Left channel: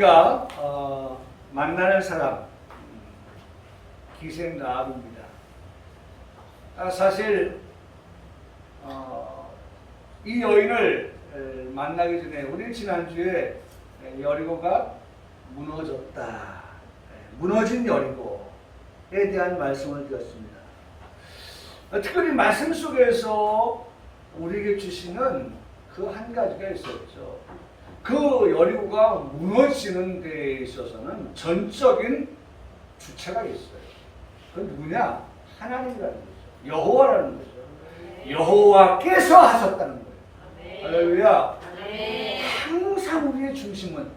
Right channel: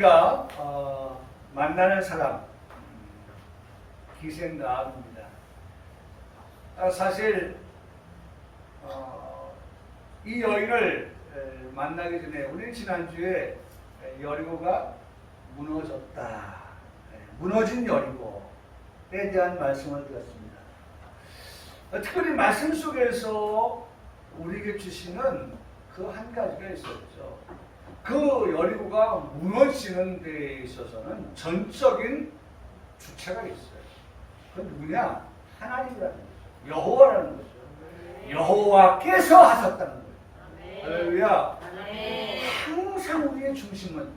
우리가 만나는 사람 기생 라합입니다. 사실 이 여인을 만나기 전에 우리 지난주에 여리고가 무너졌다, 무너진 여리고에 대한 말씀을 드렸습니다. 특별히 말씀 속에서 우리에게 주시는 그 한 가지가 있었죠. 그 여리고가 무너지는 데에 있어서는 전적인 주체가 있어요. 그건 누구냐? 하나님이라는 거죠. 여호와라는 거죠. 여호와께서 하셨다는 거예요. 할렐루야. 항상 우리의 중심은,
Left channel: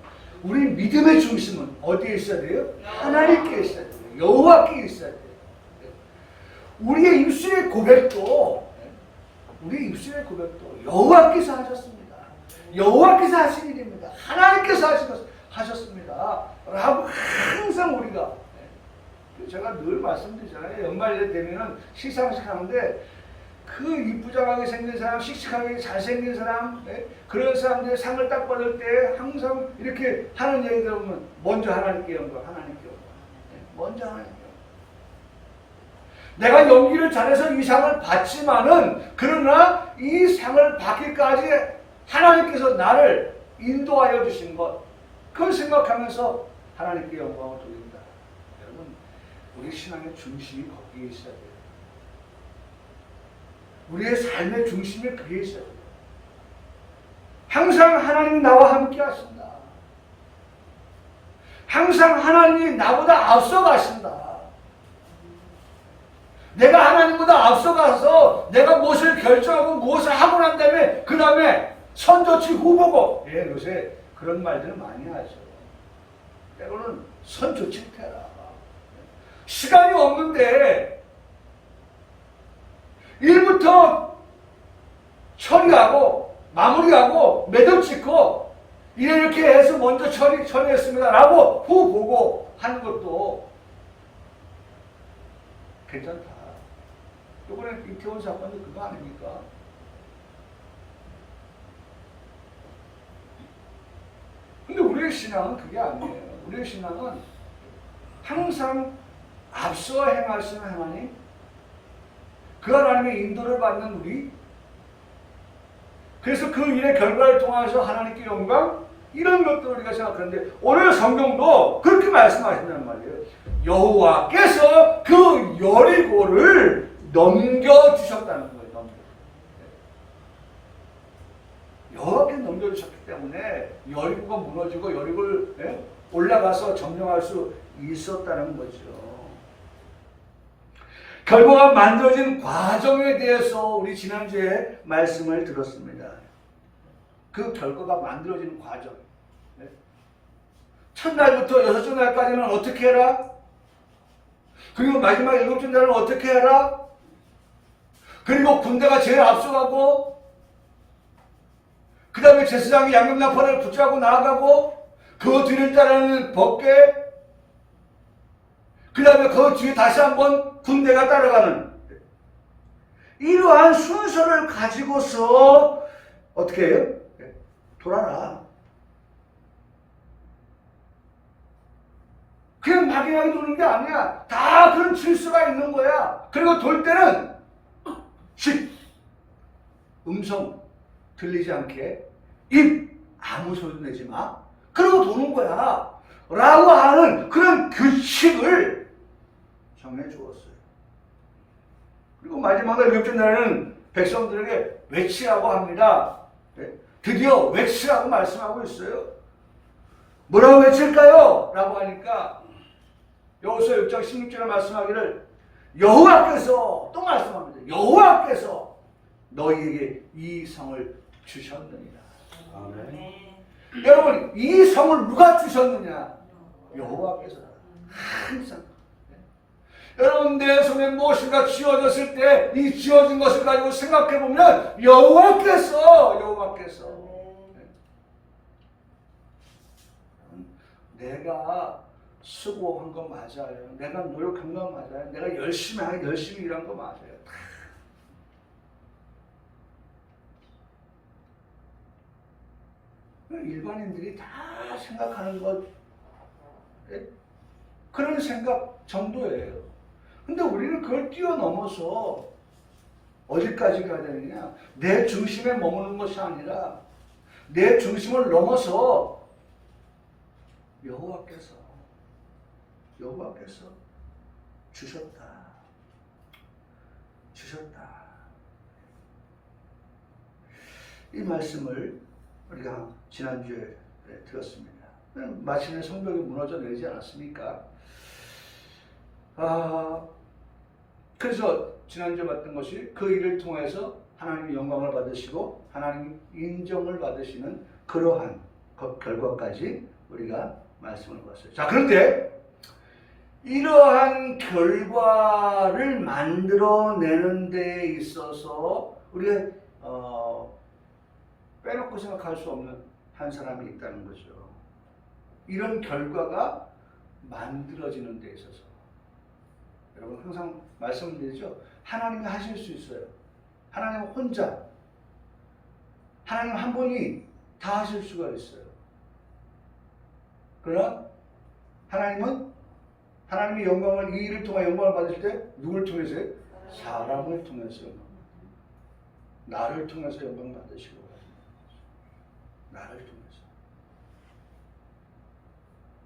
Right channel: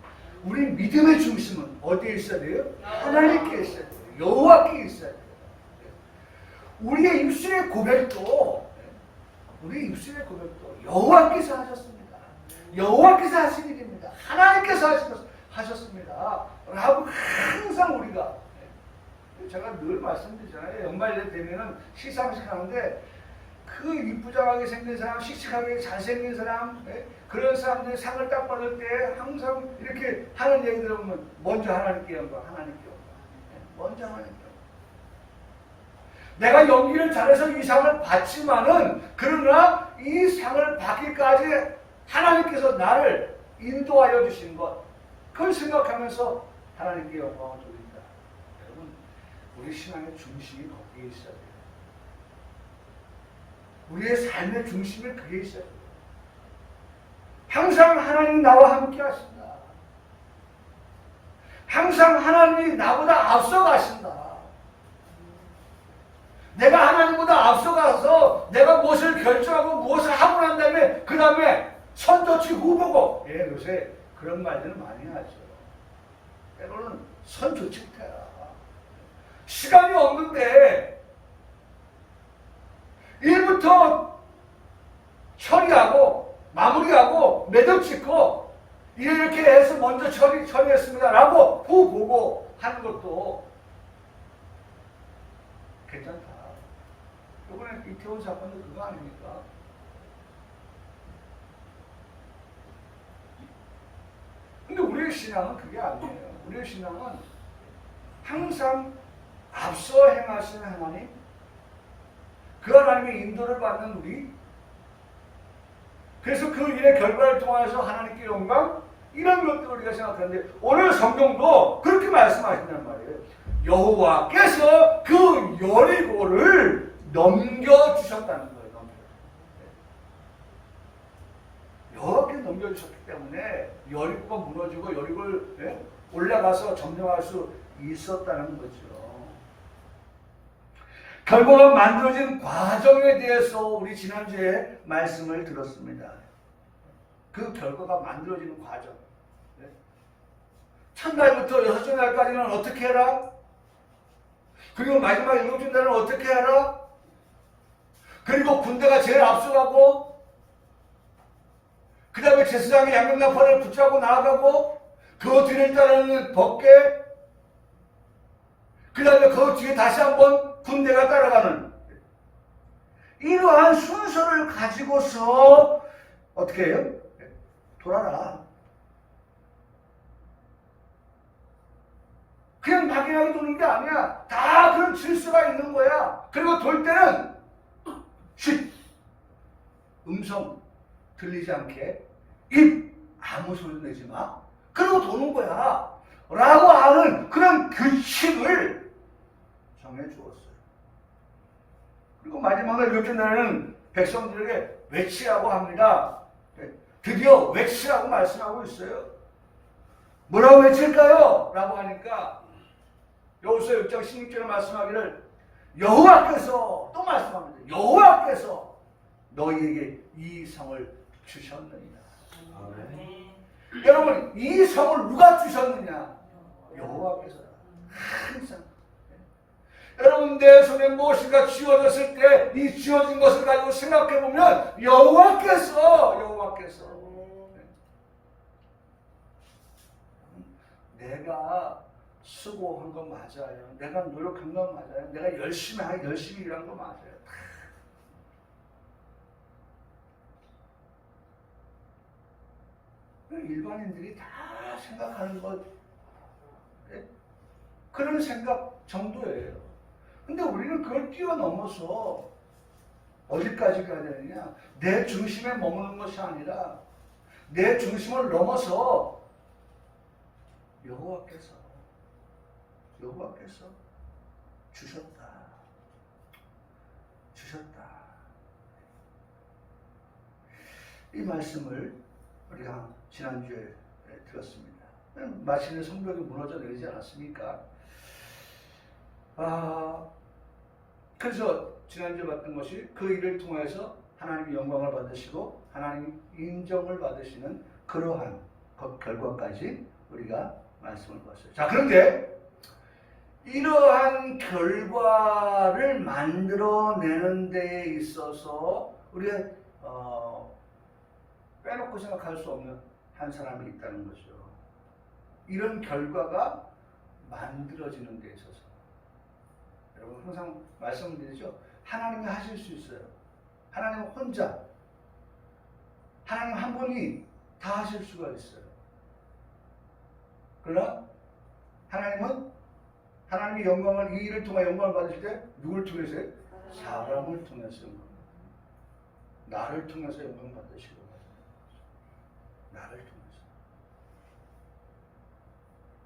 우리 믿음의 중심은 어디에 있어야 돼요? 하나님께 있어야 돼요. 여호와께 있어야 돼요. 우리의 입술의 고백도 여호와께서 하셨습니다. 여호와께서 하신 일입니다. 하나님께서 하셨습니다. 라고 항상 우리가, 제가 늘 말씀드리잖아요. 연말에 되면은 시상식 하는데 그 이쁘장하게 생긴 사람, 씩씩하게 잘생긴 사람, 그런 사람들이 상을 딱 받을 때 항상 이렇게 하는 얘기 들어보면 먼저 하나님께 영광, 하나님께 영광. 먼저 하나님께 영광. 내가 연기를 잘해서 이 상을 받지만은, 그러나 이 상을 받기까지 하나님께서 나를 인도하여 주신 것, 그걸 생각하면서 하나님께 영광을 돌린다. 여러분, 우리 신앙의 중심이 거기에 있어야 돼요. 우리의 삶의 중심이 그게 있어야 돼요. 항상 하나님 나와 함께 하신다. 항상 하나님이 나보다 앞서 가신다. 내가 하나님보다 앞서가서 내가 무엇을 결정하고 무엇을 하고 난 다음에 그 다음에 선조치 후보고, 요새 그런 말들을 많이 하죠. 때로는 선조치 해라. 시간이 없는데 일부터 처리하고 마무리하고 매듭 짓고 이렇게 해서 먼저 처리했습니다 라고 후 보고 하는 것도 괜찮다. 이번에 이태원 사건도 그거 아닙니까? 근데 우리의 신앙은 그게 아니에요. 우리의 신앙은 항상 앞서 행하시는 하나님, 그 하나님의 인도를 받는 우리, 그래서 그 일의 결과를 통해서 하나님께 영광, 이런 것들을 우리가 생각하는데 오늘 성경도 그렇게 말씀하신단 말이에요. 여호와께서 그 여리고를 넘겨주셨다는 거예요. 여호와께서 넘겨주셨기 때문에 여리고가 무너지고 여리고를 올라가서 점령할 수 있었다는 거죠. 결과가 만들어진 과정에 대해서 우리 지난주에 말씀을 들었습니다. 그 결과가 만들어지는 과정. 첫날부터 여섯째 날까지는 어떻게 해라? 그리고 마지막 일곱째 날은 어떻게 해라? 그리고 군대가 제일 앞서가고, 그 다음에 제사장이 양념나팔을 붙잡고 나아가고, 그 뒤를 따르는 법궤, 그 다음에 그 뒤에 다시 한번 군대가 따라가는, 이러한 순서를 가지고서 어떻게 해요? 돌아라. 그냥 막연하게 도는 게 아니야. 다 그런 질서가 있는 거야. 그리고 돌 때는 음성 들리지 않게, 입 아무 소리 내지 마. 그러고 도는 거야. 라고 하는 그런 규칙을 정해 주었어요. 그리고 마지막 날 일곱째 날에는 백성들에게 외치라고 합니다. 드디어 외치라고 말씀하고 있어요. 뭐라고 외칠까요? 라고 하니까 여호수아 6장 16절에 말씀하기를, 여호와께서, 또 말씀합니다. 여호와께서 너희에게 이 성을 주셨느니라. 아멘. 여러분, 이 성을 누가 주셨느냐? 여호와께서. 항상. 여러분, 내 손에 무엇인가 쥐어졌을 때 이 쥐어진 것을 가지고 생각해 보면 여호와께서. 내가 수고한 거 맞아요. 내가 노력한 거 맞아요. 내가 열심히 일한 거 맞아요. 일반인들이 다 생각하는 것, 예? 그런 생각 정도예요. 근데 우리는 그걸 뛰어넘어서 어디까지 가야 되느냐? 내 중심에 머무는 것이 아니라 내 중심을 넘어서 여호와께서 주셨다. 이 말씀을 우리가 지난주에 들었습니다. 마침내 성벽이 무너져 내리지 않았습니까? 그래서 지난주에 봤던 것이 그 일을 통해서 하나님이 영광을 받으시고 하나님이 인정을 받으시는 그러한 결과까지 우리가 말씀을 봤어요. 자, 그런데 이러한 결과를 만들어내는 데 있어서 우리가 빼놓고 생각할 수 없는 한 사람이 있다는 거죠. 이런 결과가 만들어지는 데 있어서 여러분 항상 말씀드리죠. 하나님이 하실 수 있어요. 하나님 혼자, 하나님 한 분이 다 하실 수가 있어요. 그러나 하나님이 영광을, 이 일을 통해 영광을 받으실 때 누굴 통해서요? 사람을 통해서, 나를 통해서 영광을 받으시고, 나를 통해서.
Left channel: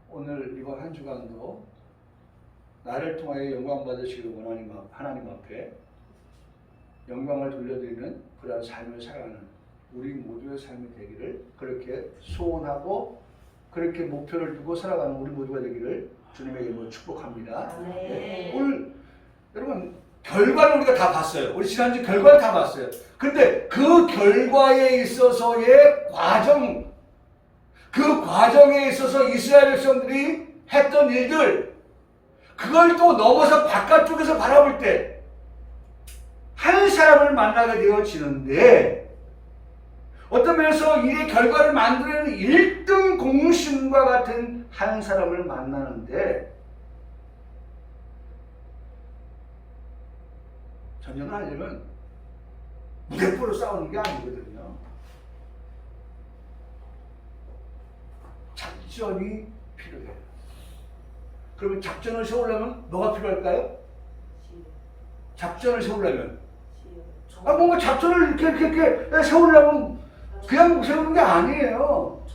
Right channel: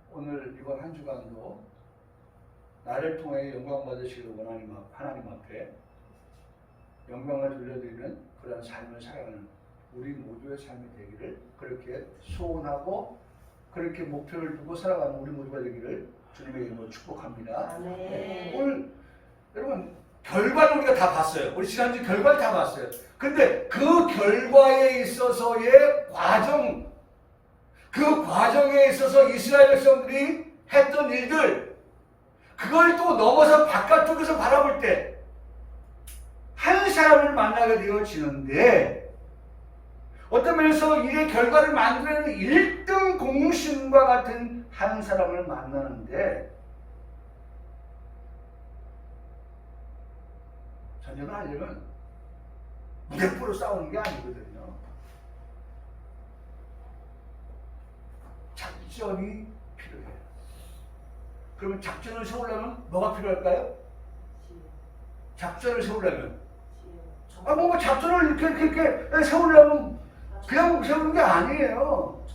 오늘 이번 한 주간도 나를 통해 영광 받으시길 원하는 하나님 앞에 영광을 돌려드리는 그러한 삶을 살아가는 우리 모두의 삶이 되기를 그렇게 소원하고 그렇게 목표를 두고 살아가는 우리 모두가 되기를 주님의 이름으로 축복합니다. 네. 오늘 여러분 결과를 우리가 다 봤어요. 우리 지난주 결과를 다 봤어요. 근데 그 결과에 있어서의 과정, 그 과정에 있어서 이스라엘 백성들이 했던 일들, 그걸 또 넘어서 바깥쪽에서 바라볼 때 한 사람을 만나게 되어지는데, 어떤 면에서 일의 결과를 만들어내는 1등 공신과 같은 한 사람을 만나는데, 전쟁을 하려면 무대포로 싸우는 게 아니거든요. 작전이 필요해요. 그러면 작전을 세우려면 뭐가 필요할까요? 작전을 세우려면 뭔가 작전을 이렇게 세우려면 그냥 세우는 게 아니에요.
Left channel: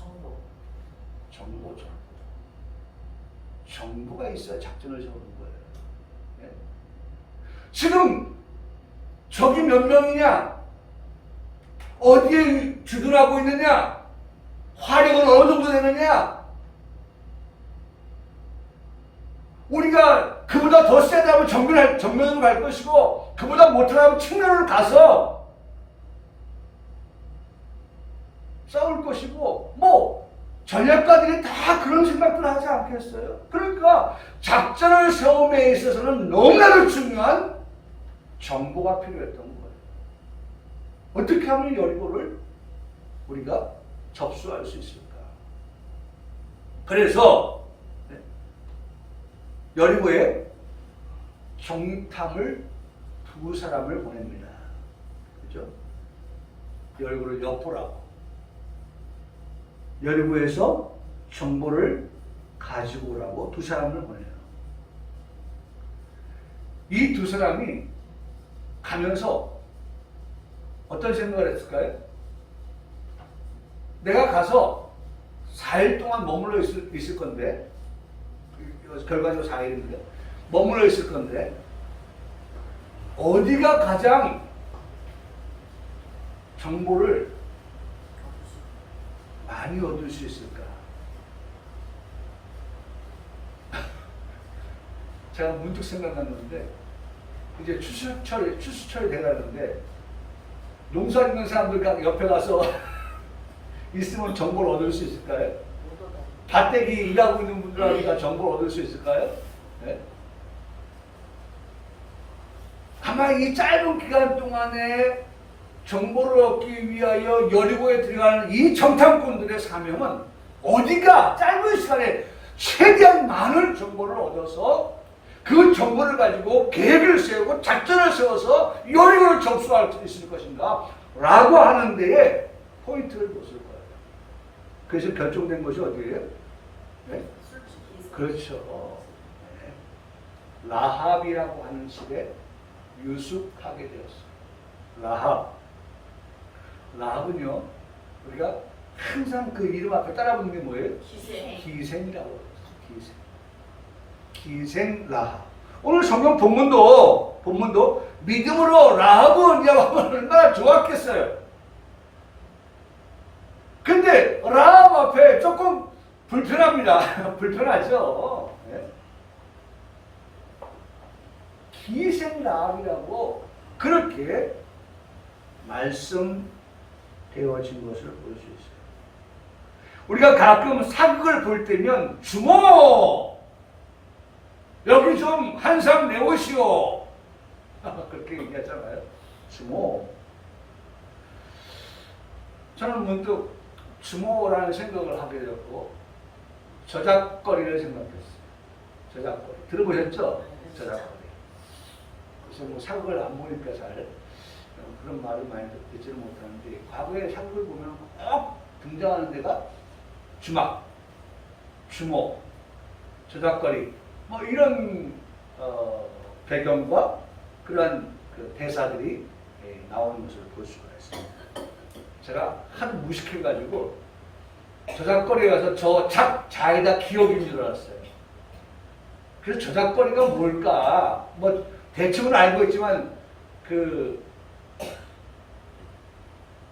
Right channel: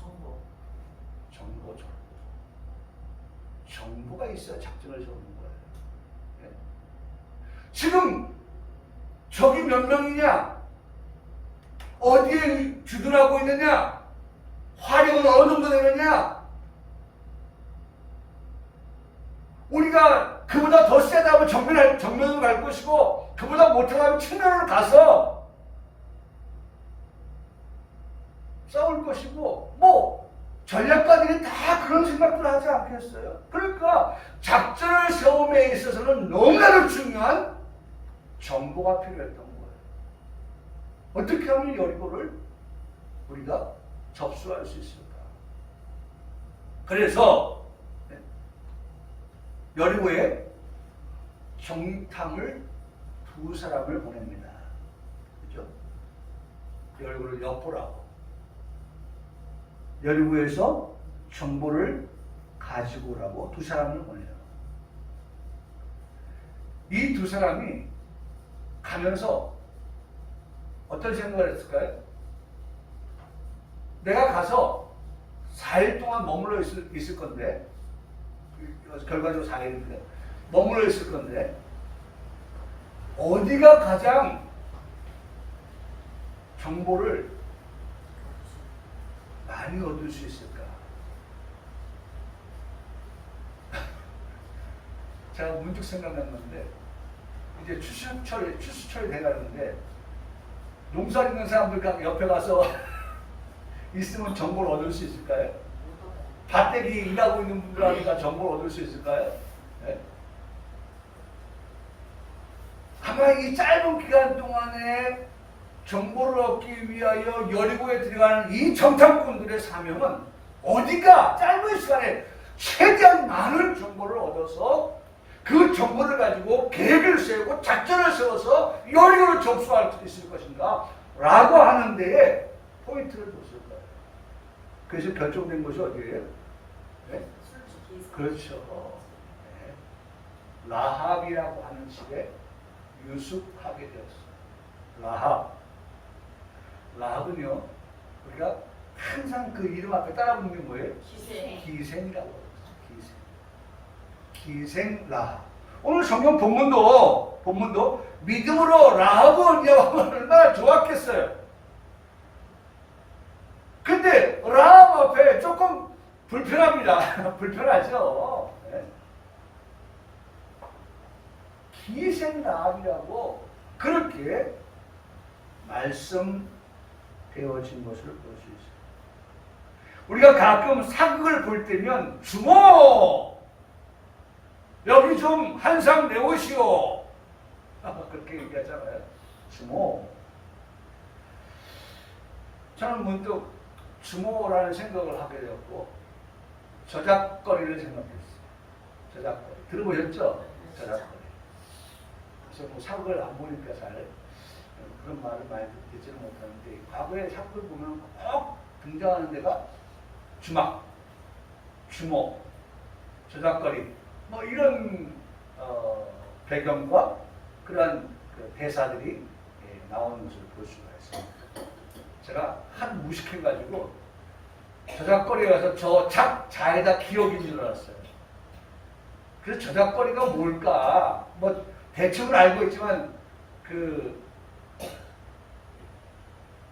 정보가 있어야 작전을 세우는 거예요. 네? 지금 적이 몇 명이냐? 어디에 주둔하고 있느냐? 화력은 어느 정도 되느냐? 우리가 그보다 더 세다면 정면으로 갈 것이고, 그보다 못하다면 측면으로 가서 싸울 것이고, 전략가들이 다 그런 생각들을 하지 않겠어요? 그러니까 작전을 세움에 있어서는 너무나도 중요한 정보가 필요했던 거예요. 어떻게 하면 여리고를 우리가 접수할 수 있을까? 그래서 여리고에 정탐을 2사람을 보냅니다. 그죠? 여리고를 엿보라고. 여리고에서 정보를 가지고 오라고 2사람을 보내요. 이 2사람이 가면서 어떤 생각을 했을까요? 내가 가서 4일 동안 머물러 있을 건데, 결과적으로 4일인데 머물러 있을 건데, 어디가 가장 정보를 많이 얻을 수 있을까? 제가 문득 생각난 건데, 이제 추수철이 돼가는데 농사 짓는 사람들 옆에 가서 있으면 정보를 얻을 수 있을까요? 밭대기 일하고 있는 분들한테 정보를 얻을 수 있을까요? 네? 아마 이 짧은 기간 동안에 정보를 얻기 위하여 여리고에 들어가는 이 정탐꾼들의 사명은 어디가 짧은 시간에 최대한 많은 정보를 얻어서 그 정보를 가지고 계획을 세우고 작전을 세워서 여리고를 접수할 수 있을 것인가 라고 하는 데에 포인트를 뒀을 거예요. 그래서 결정된 것이 어디예요? 네? 그렇죠. 네. 라합이라고 하는 집에 유숙하게 되었어요. 라합은요, 우리가 항상 그 이름 앞에 따라 부르는 게 뭐예요? 기생이라고 해요. 기생 라합. 오늘 성경 본문도 믿음으로 라합은 얼마나 좋았겠어요. 근데 라합 앞에 조금 불편합니다. 불편하죠. 네? 기생 라합이라고 그렇게 말씀되어진 것을 볼 수 있어요. 우리가 가끔 사극을 볼 때면 주모 여기 좀 한상 내오시오 그렇게 얘기하잖아요. 주모. 저는 문득 주모라는 생각을 하게 되었고 저작거리를 생각했어요. 저작거리. 들어보셨죠? 저작거리. 그래서 뭐 사극을 안 보니까 잘 그런 말을 많이 듣지는 못하는데 과거에 사극을 보면 꼭 등장하는 데가 주막, 주모, 저작거리 뭐 이런 배경과 그러한 그 대사들이 나오는 것을 볼 수가 있습니다. 제가 하도 무식해가지고 저작거리에 가서 저 자에다 기억인 줄 알았어요. 그래서 저작거리가 뭘까? 뭐 대충은 알고 있지만 그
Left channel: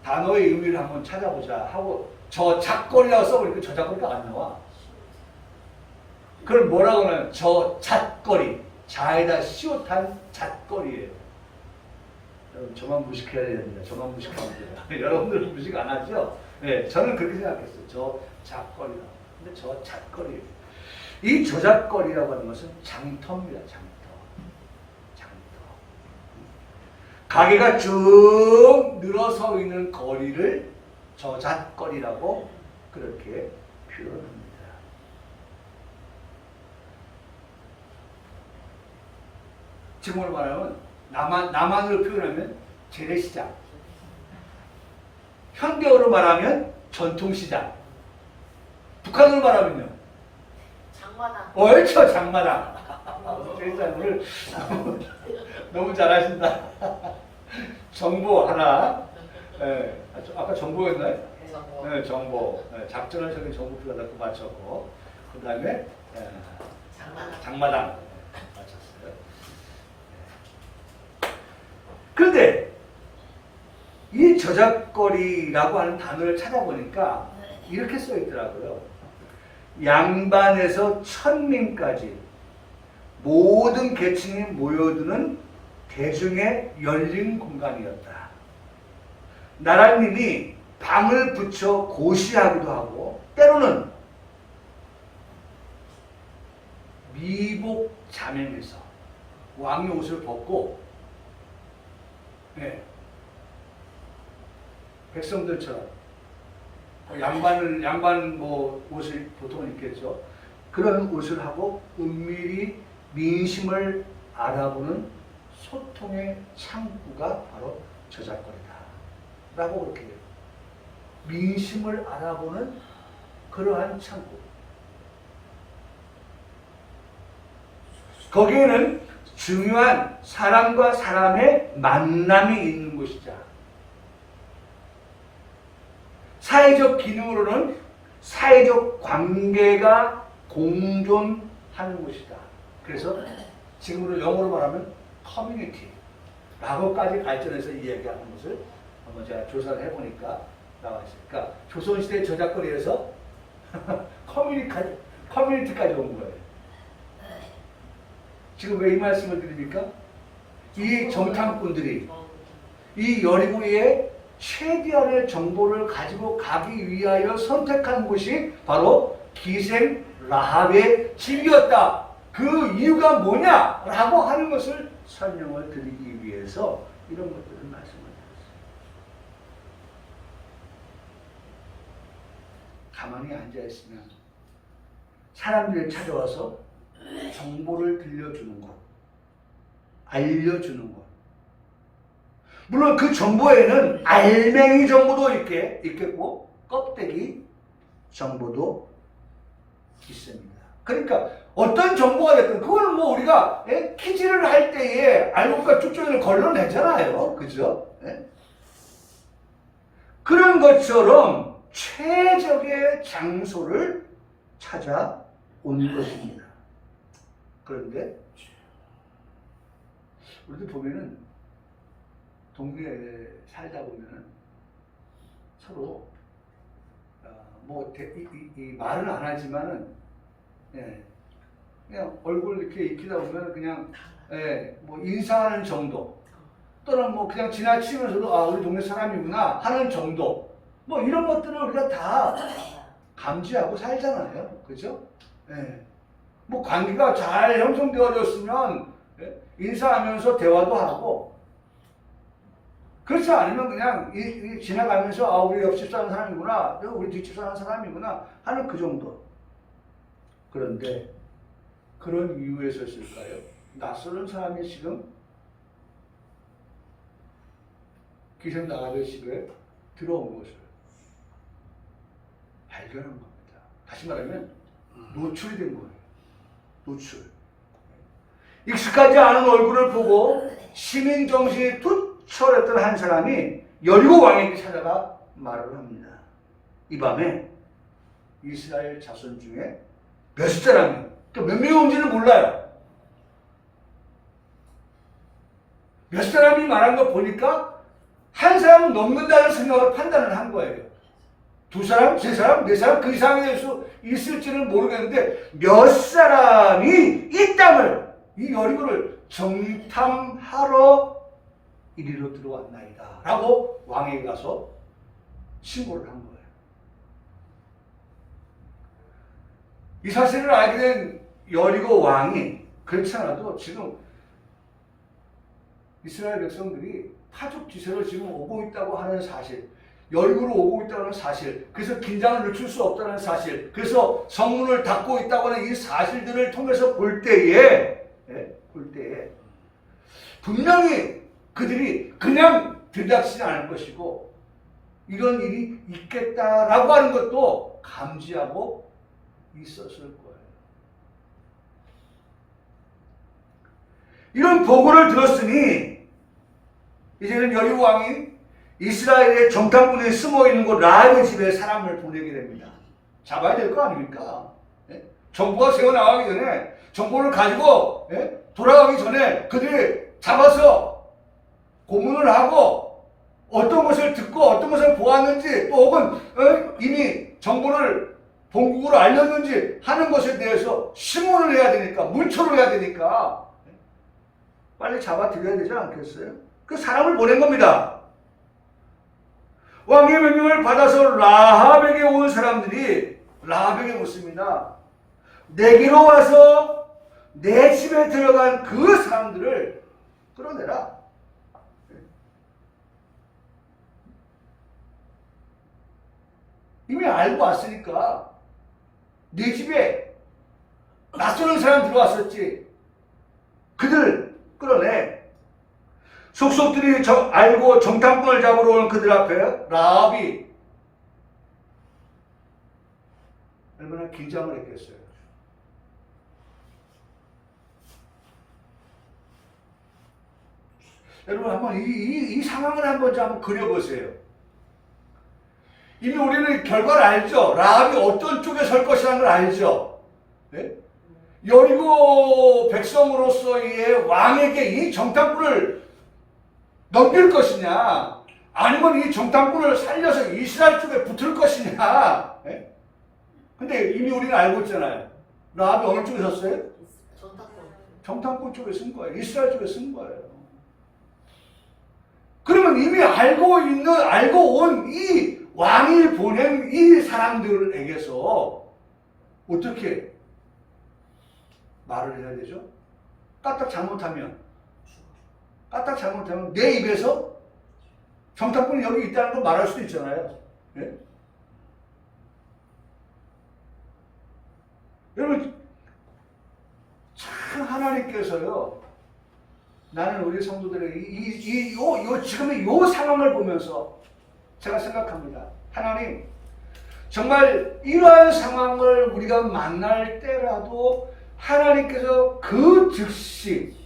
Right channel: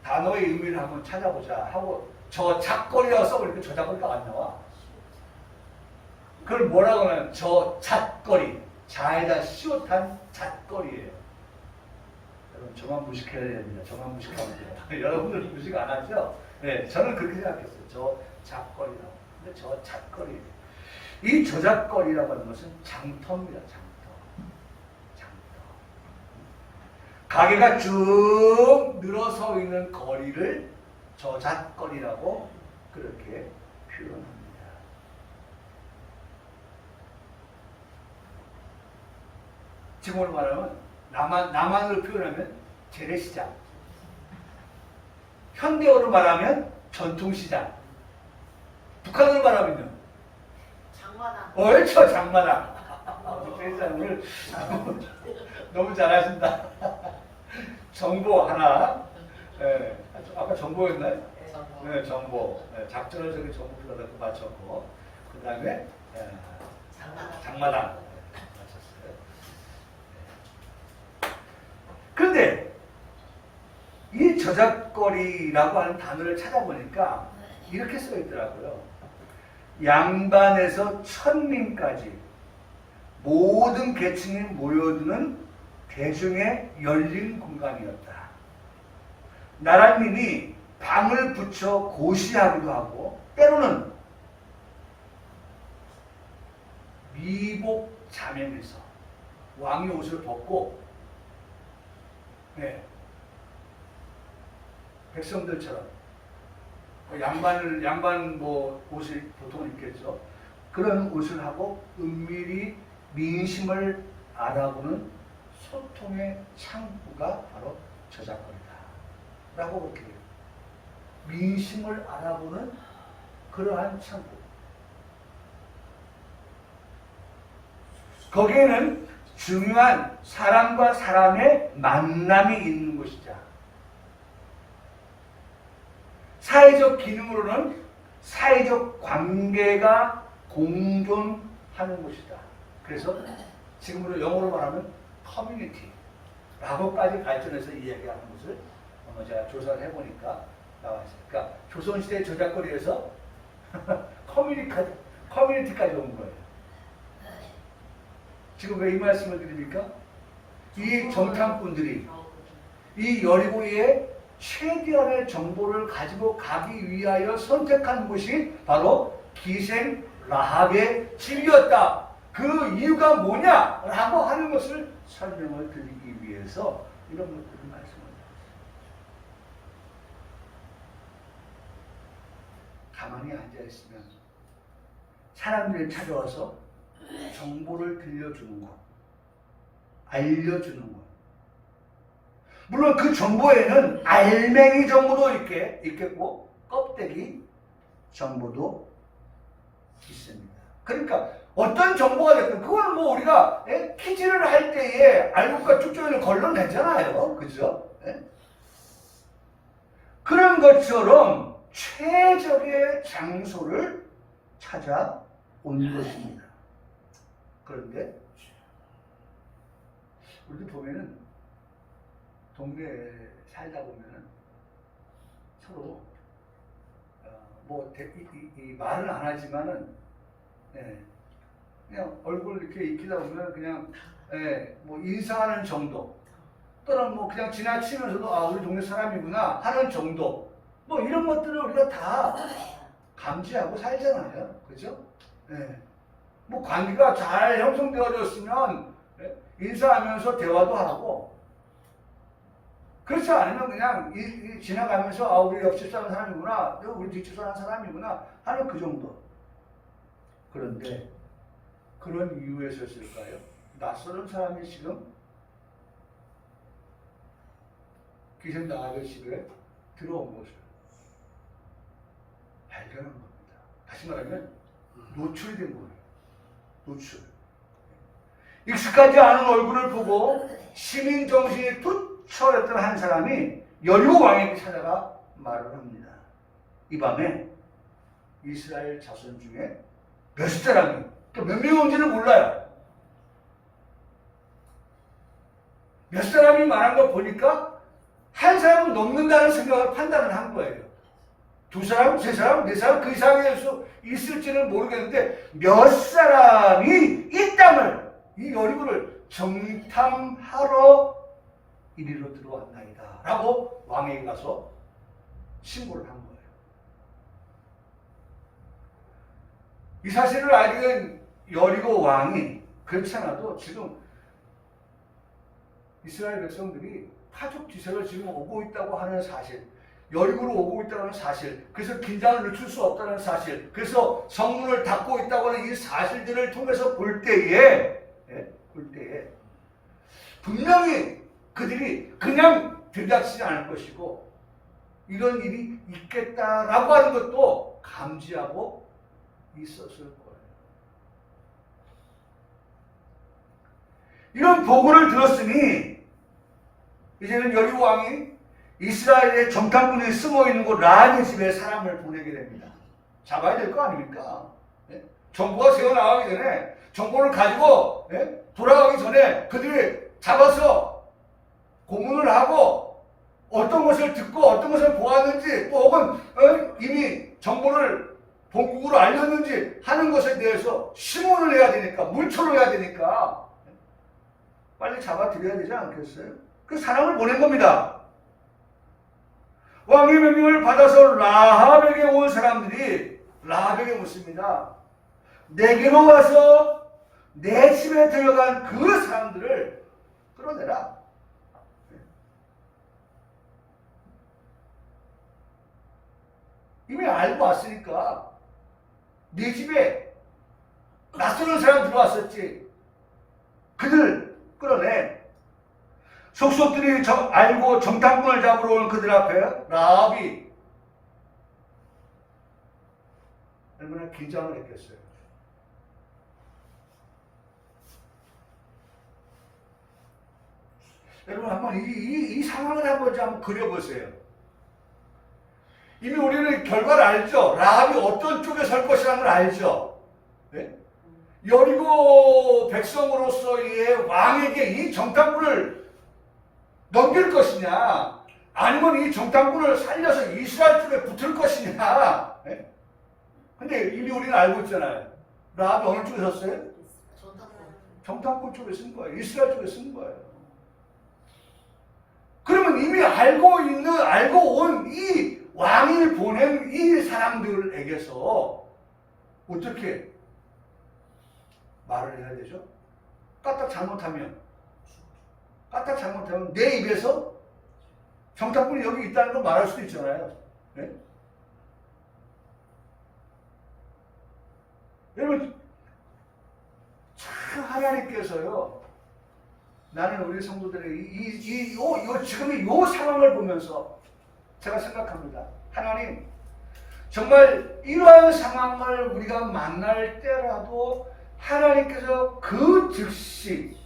단어의 의미를 한번 찾아보자 하고 저작거리라고 써보니까 저작거리가 안 나와. 그걸 뭐라고 하냐면 저잣거리, 자에다 시옷한 잣거리예요. 여러분 저만 무식해야 됩니다. 저만 무식하면 돼요. 여러분들은 무식 안 하죠? 네, 저는 그렇게 생각했어요. 저잣거리라고. 근데 저잣거리예요. 이 저잣거리라고 하는 것은 장터입니다. 장터. 가게가 쭉 늘어서 있는 거리를 저잣거리라고 그렇게 표현합니다. 지금으로 말하면 남한으로 표현하면 재래시장, 현대어로 말하면 전통시장, 북한으로 말하면요 장마당. 옳죠, 장마당. 오늘 너무 잘하신다. 정보 하나. 네, 아까 정보였나요? 네, 정보. 네, 작전을 저기 정보표가 넣고 맞췄고, 그 다음에 장마당 맞췄어요. 그런데 이 저작거리라고 하는 단어를 찾아보니까 이렇게 써 있더라고요. 양반에서 천민까지 모든 계층이 모여드는 대중의 열린 공간이었다. 나라님이 방을 붙여 고시하기도 하고 때로는 미복 자면에서 왕의 옷을 벗고 백성들처럼 양반 뭐 옷을 보통 입겠죠. 그런 옷을 하고 은밀히 민심을 알아보는 소통의 창구가 바로 저작거리다 라고 그렇게 돼요. 민심을 알아보는 그러한 창구. 거기에는 중요한 사람과 사람의 만남이 있는 곳이다. 사회적 기능으로는 사회적 관계가 공존하는 곳이다. 그래서 지금으로 영어로 말하면 커뮤니티라고까지 발전해서 이야기하는 것을 한번 제가 조사를 해보니까 나와 있어요. 그러니까 조선시대 저작거리에서 커뮤니티까지 온 거예요. 지금 왜 이 말씀을 드립니까? 이 정탐꾼들이 이 여리고의 최대한의 정보를 가지고 가기 위하여 선택한 곳이 바로 기생 라합의 집이었다. 그 이유가 뭐냐라고 하는 것을 설명을 드리기 위해서 이런 것들을 말씀을 드렸어요. 가만히 앉아있으면 사람들이 찾아와서 정보를 들려주는 것, 알려주는 것. 물론 그 정보에는 알맹이 정보도 있겠고 껍데기, 정보도 있습니다. 그러니까 어떤 정보가 됐든 그거는 뭐 우리가 퀴즈를 할 때에 알고가 쭉쭉 걸러내잖아요. 그죠? 그런 것처럼 최적의 장소를 찾아온 것입니다. 그런데 우리도 보면은 동네에 살다 보면은 서로 뭐 말은 안 하지만은 그냥 얼굴 이렇게 익히다 보면 그냥 뭐 인사하는 정도 또는 뭐 그냥 지나치면서도 아 우리 동네 사람이구나 하는 정도 뭐 이런 것들을 우리가 다 감지하고 살잖아요. 그죠? 뭐 관계가 잘 형성되어졌으면 인사하면서 대화도 하고 그렇지 않으면 그냥 지나가면서 아 우리 옆집 사는 사람이구나 우리 뒷집 사는 사람이구나 하는 그 정도. 그런데 그런 이유에서였을까요? 낯설은 사람이 지금 기생 나가던 집에 들어온 것을 발견한 겁니다. 다시 말하면 노출이 된 거예요. 노출. 익숙하지 않은 얼굴을 보고 시민 정신이 투철했던 한 사람이 여리고 왕에게 찾아가 말을 합니다. 이 밤에 이스라엘 자손 중에 몇 사람이 또 몇 명이 온지는 몰라요. 몇 사람이 말한 거 보니까 한 사람은 넘는다는 생각을 판단을 한 거예요. 두 사람, 세 사람, 네 사람 그 이상일 수 있을지는 모르겠는데 몇 사람이 이 땅을 이 여리고를 정탐하러 이리로 들어왔나이다 라고 왕에게 가서 신고를 한 거예요. 이 사실을 알게 된 여리고 왕이 그렇지 않아도 지금 이스라엘 백성들이 파죽 지세를 지금 오고 있다고 하는 사실, 여리고로 오고 있다는 사실, 그래서 긴장을 늦출 수 없다는 사실, 그래서 성문을 닫고 있다고 하는 이 사실들을 통해서 볼 때에 분명히 그들이 그냥 들닥치지 않을 것이고 이런 일이 있겠다라고 하는 것도 감지하고 있었을 거예요. 이런 보고를 들었으니 이제는 여리고 왕이 이스라엘의 정탐꾼이 숨어있는 곳 라합의 집에 사람을 보내게 됩니다. 잡아야 될 거 아닙니까? 정보가 새어나가기 전에 정보를 가지고 돌아가기 전에 그들이 잡아서 고문을 하고 어떤 것을 듣고 어떤 것을 보았는지 또 혹은 이미 정보를 본국으로 알렸는지 하는 것에 대해서 심문을 해야 되니까 문초를 해야 되니까 빨리 잡아들여야 되지 않겠어요? 그 사람을 보낸 겁니다. 왕의 명령을 받아서 라합에게 온 사람들이 라합에게 묻습니다. 내게로 와서 내 집에 들어간 그 사람들을 끌어내라. 이미 알고 왔으니까 네 집에 낯서는 사람 들어왔었지. 그들 끌어내. 속속들이 알고 정탐꾼을 잡으러 오는 그들 앞에 라합이 얼마나 긴장을 했겠어요. 여러분 한번 이 상황을 한번 그려보세요. 이미 우리는 결과를 알죠. 라합이 어떤 쪽에 설 것이라는 걸 알죠. 네? 여리고 백성으로서의 왕에게 이 정탐꾼을 넘길 것이냐 아니면 이 정탐꾼을 살려서 이스라엘 쪽에 붙을 것이냐. 네? 근데 이미 우리는 알고 있잖아요. 라합이 어느 쪽에 섰어요? 정탐꾼 쪽에 쓴 거예요. 이스라엘 쪽에 쓴 거예요. 그러면 이미 알고 온 이 왕이 보낸 이 사람들에게서 어떻게 말을 해야 되죠? 까딱 잘못하면 내 입에서 정탐꾼이 여기 있다는 걸 말할 수도 있잖아요. 네? 여러분 참 하나님께서요. 나는 우리 성도들의 지금의 이 상황을 보면서 제가 생각합니다. 하나님, 정말 이러한 상황을 우리가 만날 때라도 하나님께서 그 즉시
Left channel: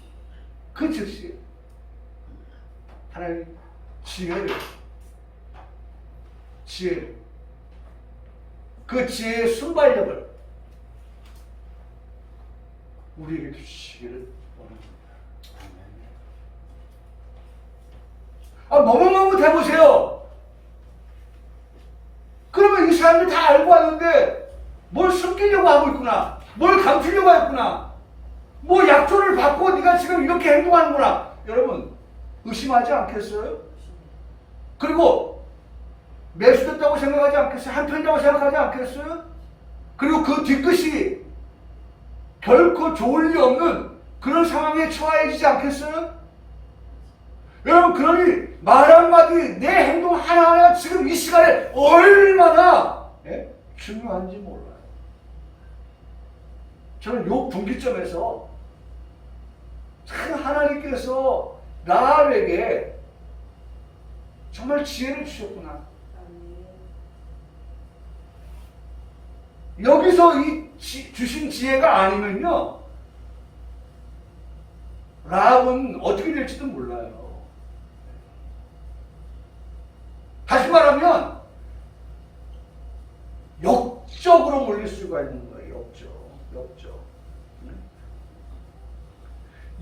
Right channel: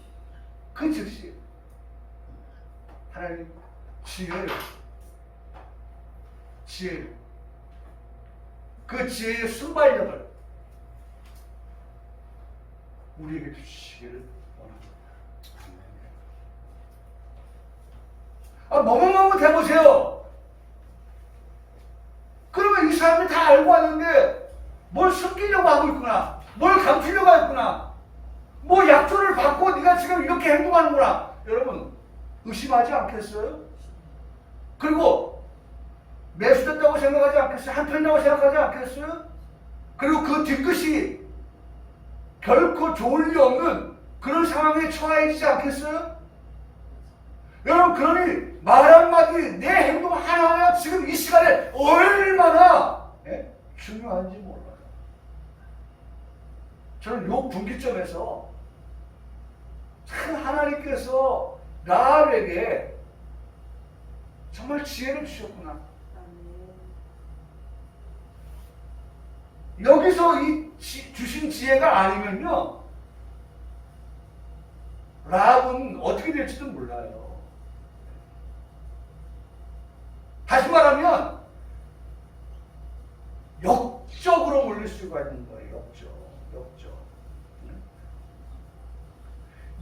하나님 지혜를 그 지혜의 순발력을 우리에게 주시기를 원합니다. 머뭇머뭇 해보세요. 그러면 이 사람들 다 알고 왔는데 뭘 숨기려고 하고 있구나, 뭘 감추려고 했구나, 뭐 약조를 받고 네가 지금 이렇게 행동하는구나. 여러분 의심하지 않겠어요? 그리고 매수됐다고 생각하지 않겠어요? 한편이라고 생각하지 않겠어요? 그리고 그 뒤끝이 결코 좋을 리 없는 그런 상황에 처해지지 않겠어요? 여러분, 그러니 말 한마디, 내 행동 하나하나 지금 이 시간에 얼마나 중요한지 몰라요. 저는 요 분기점에서 참 하나님께서 라합에게 정말 지혜를 주셨구나. 여기서 이 주신 지혜가 아니면요, 라합은 어떻게 될지도 몰라요. 다시 말하면 역적으로 몰릴 수가 있는 거예요. 역적.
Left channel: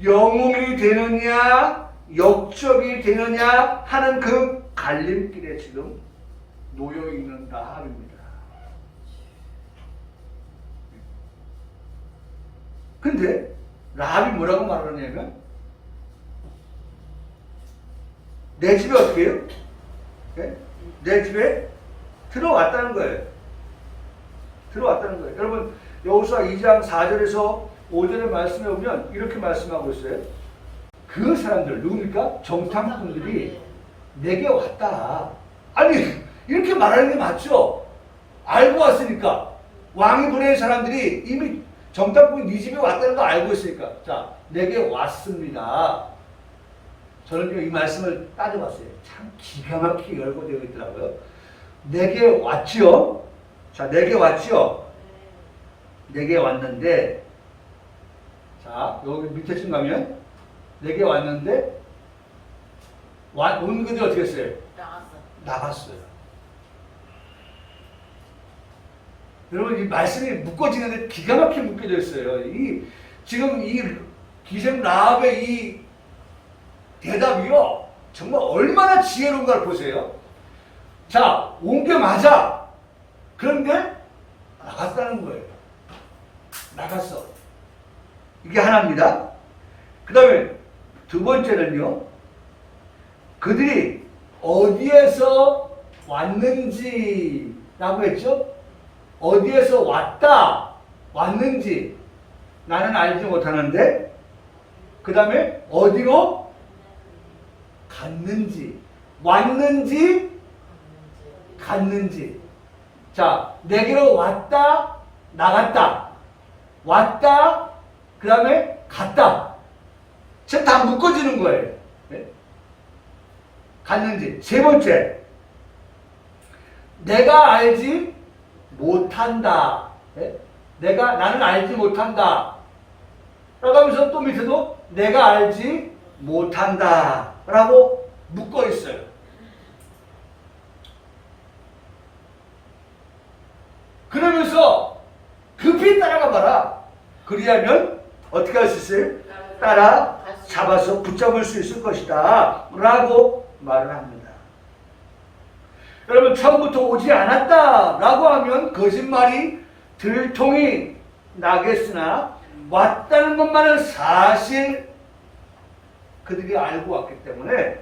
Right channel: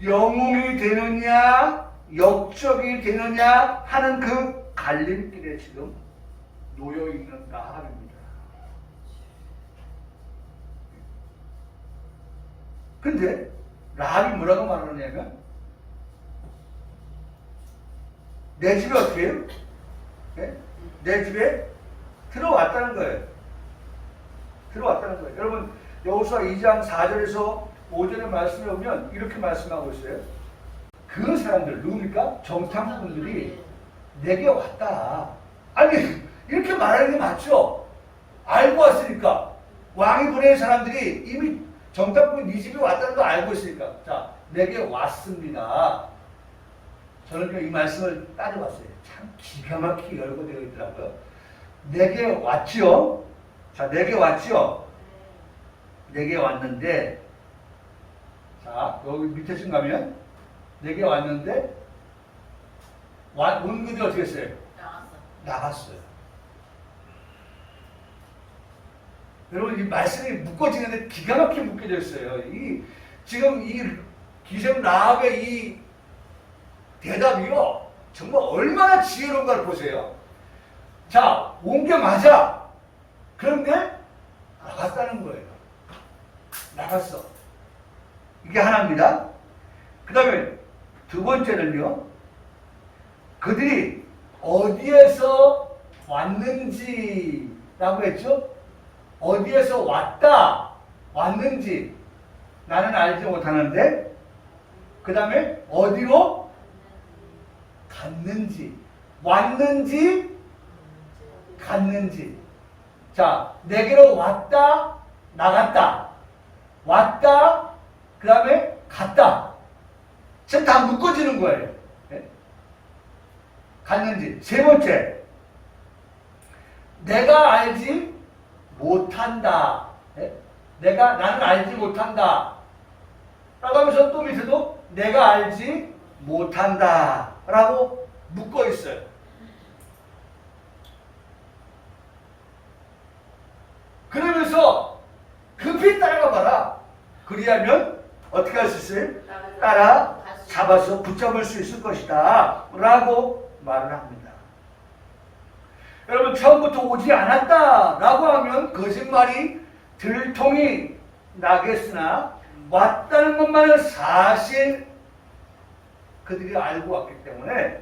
영웅이 되느냐 역적이 되느냐 하는 그 갈림길에 지금 놓여 있는 라합입니다. 근데 라합이 뭐라고 말하냐면, 내 집에 어떻게 해요? 내 집에 들어왔다는 거예요. 여러분, 여호수아 2장 4절에서 5절의 말씀에 보면 이렇게 말씀하고 있어요. 그 사람들, 누굽니까? 정탐꾼들이 내게 왔다. 아니, 이렇게 말하는 게 맞죠? 알고 왔으니까. 왕이 보낸 사람들이 이미 정탐꾼이 네 집에 왔다는 거 알고 있으니까. 자, 내게 왔습니다. 저는 이 말씀을 따져봤어요. 참 기가 막히게 열거되어 있더라고요. 내게 왔지요. 자, 내게 왔지요. 내게 왔는데, 자, 여기 밑에쯤 가면 내게 왔는데 온 그들이 어떻게 했어요? 나갔어요. 여러분, 이 말씀이 묶어지는데 기가 막히게 묶여져 있어요. 지금 이 기생 라합의 이 대답이요, 정말 얼마나 지혜로운가를 보세요. 자, 온 게 맞아. 그런데 나갔다는 거예요. 나갔어. 이게 하나입니다. 그 다음에 두 번째는요, 그들이 어디에서 왔는지라고 했죠? 어디에서 왔는지 나는 알지 못하는데, 그 다음에 어디로 갔는지, 왔는지 갔는지. 자, 내게로 왔다, 나갔다, 왔다, 그 다음에 갔다. 지금 다 묶어지는 거예요. 네? 갔는지. 세 번째, 내가 알지 못한다. 네? 나는 알지 못한다. 라고 하면서 또 밑에도 내가 알지 못한다. 라고 묶어 있어요. 그러면서 급히 따라가 봐라. 그리하면 어떻게 할 수 있어요? 따라 잡아서 붙잡을 수 있을 것이다. 라고 말을 합니다. 여러분, 처음부터 오지 않았다 라고 하면 거짓말이 들통이 나겠으나, 왔다는 것만은 사실 그들이 알고 왔기 때문에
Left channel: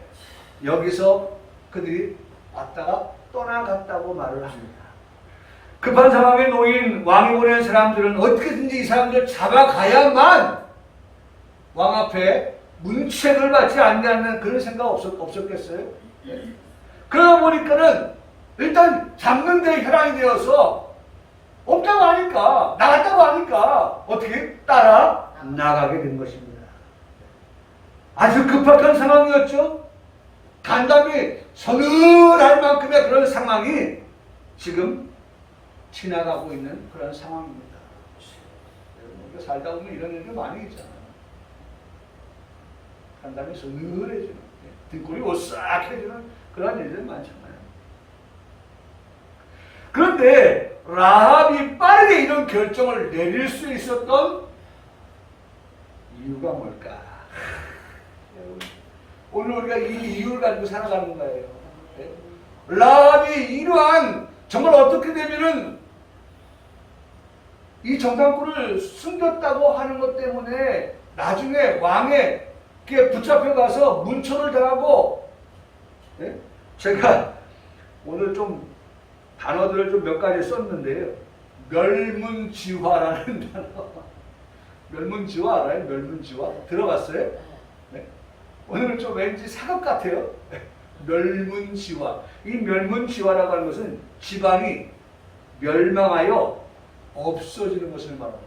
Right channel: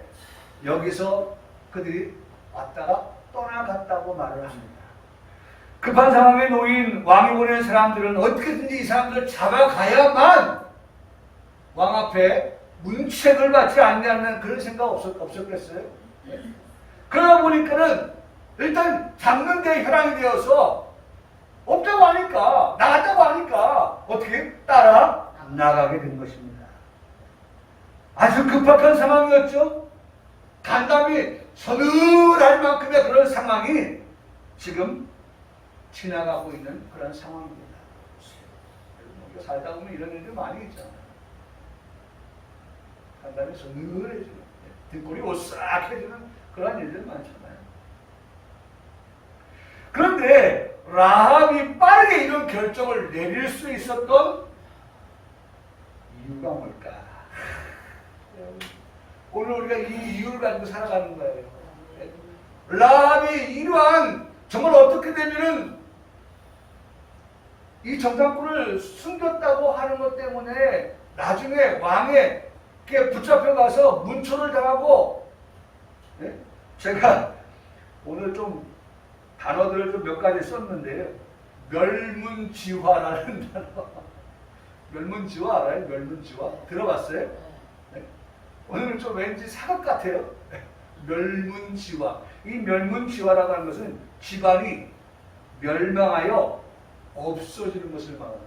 여기서 그들이 왔다가 떠나갔다고 말을 합니다. 급한 상황에 놓인 왕이 보낸 사람들은 어떻게든지 이 사람들을 잡아가야만 왕 앞에 문책을 받지 않는 그런 생각 없었겠어요? 그러다 보니까는 일단 잡는 데 혈안이 되어서 없다고 하니까, 나갔다고 하니까 어떻게 따라 나가게 된 것입니다. 아주 급박한 상황이었죠. 간담이 서늘할 만큼의 그런 상황이 지금 지나가고 있는 그런 상황입니다. 우리가 살다 보면 이런 일들 많이 있잖아요. 간단히 서늘해지는, 등골이 오싹해지는 그런 일들 많잖아요. 그런데 라합이 빠르게 이런 결정을 내릴 수 있었던 이유가 뭘까? 오늘 우리가 이 이유를 가지고 살아가는 거예요. 라합이 이러한 정말 어떻게 되면은 이 정탐꾼을 숨겼다고 하는 것 때문에 나중에 왕에게 붙잡혀 가서 문초를 당하고, 제가 오늘 좀 단어들을 좀 몇 가지 썼는데요. 멸문지화라는 단어. 멸문지화 알아요? 멸문지화? 들어봤어요? 네? 오늘은 좀 왠지 사극 같아요. 멸문지화. 이 멸문지화라고 하는 것은 집안이 멸망하여 없어지는 것을 말합니다.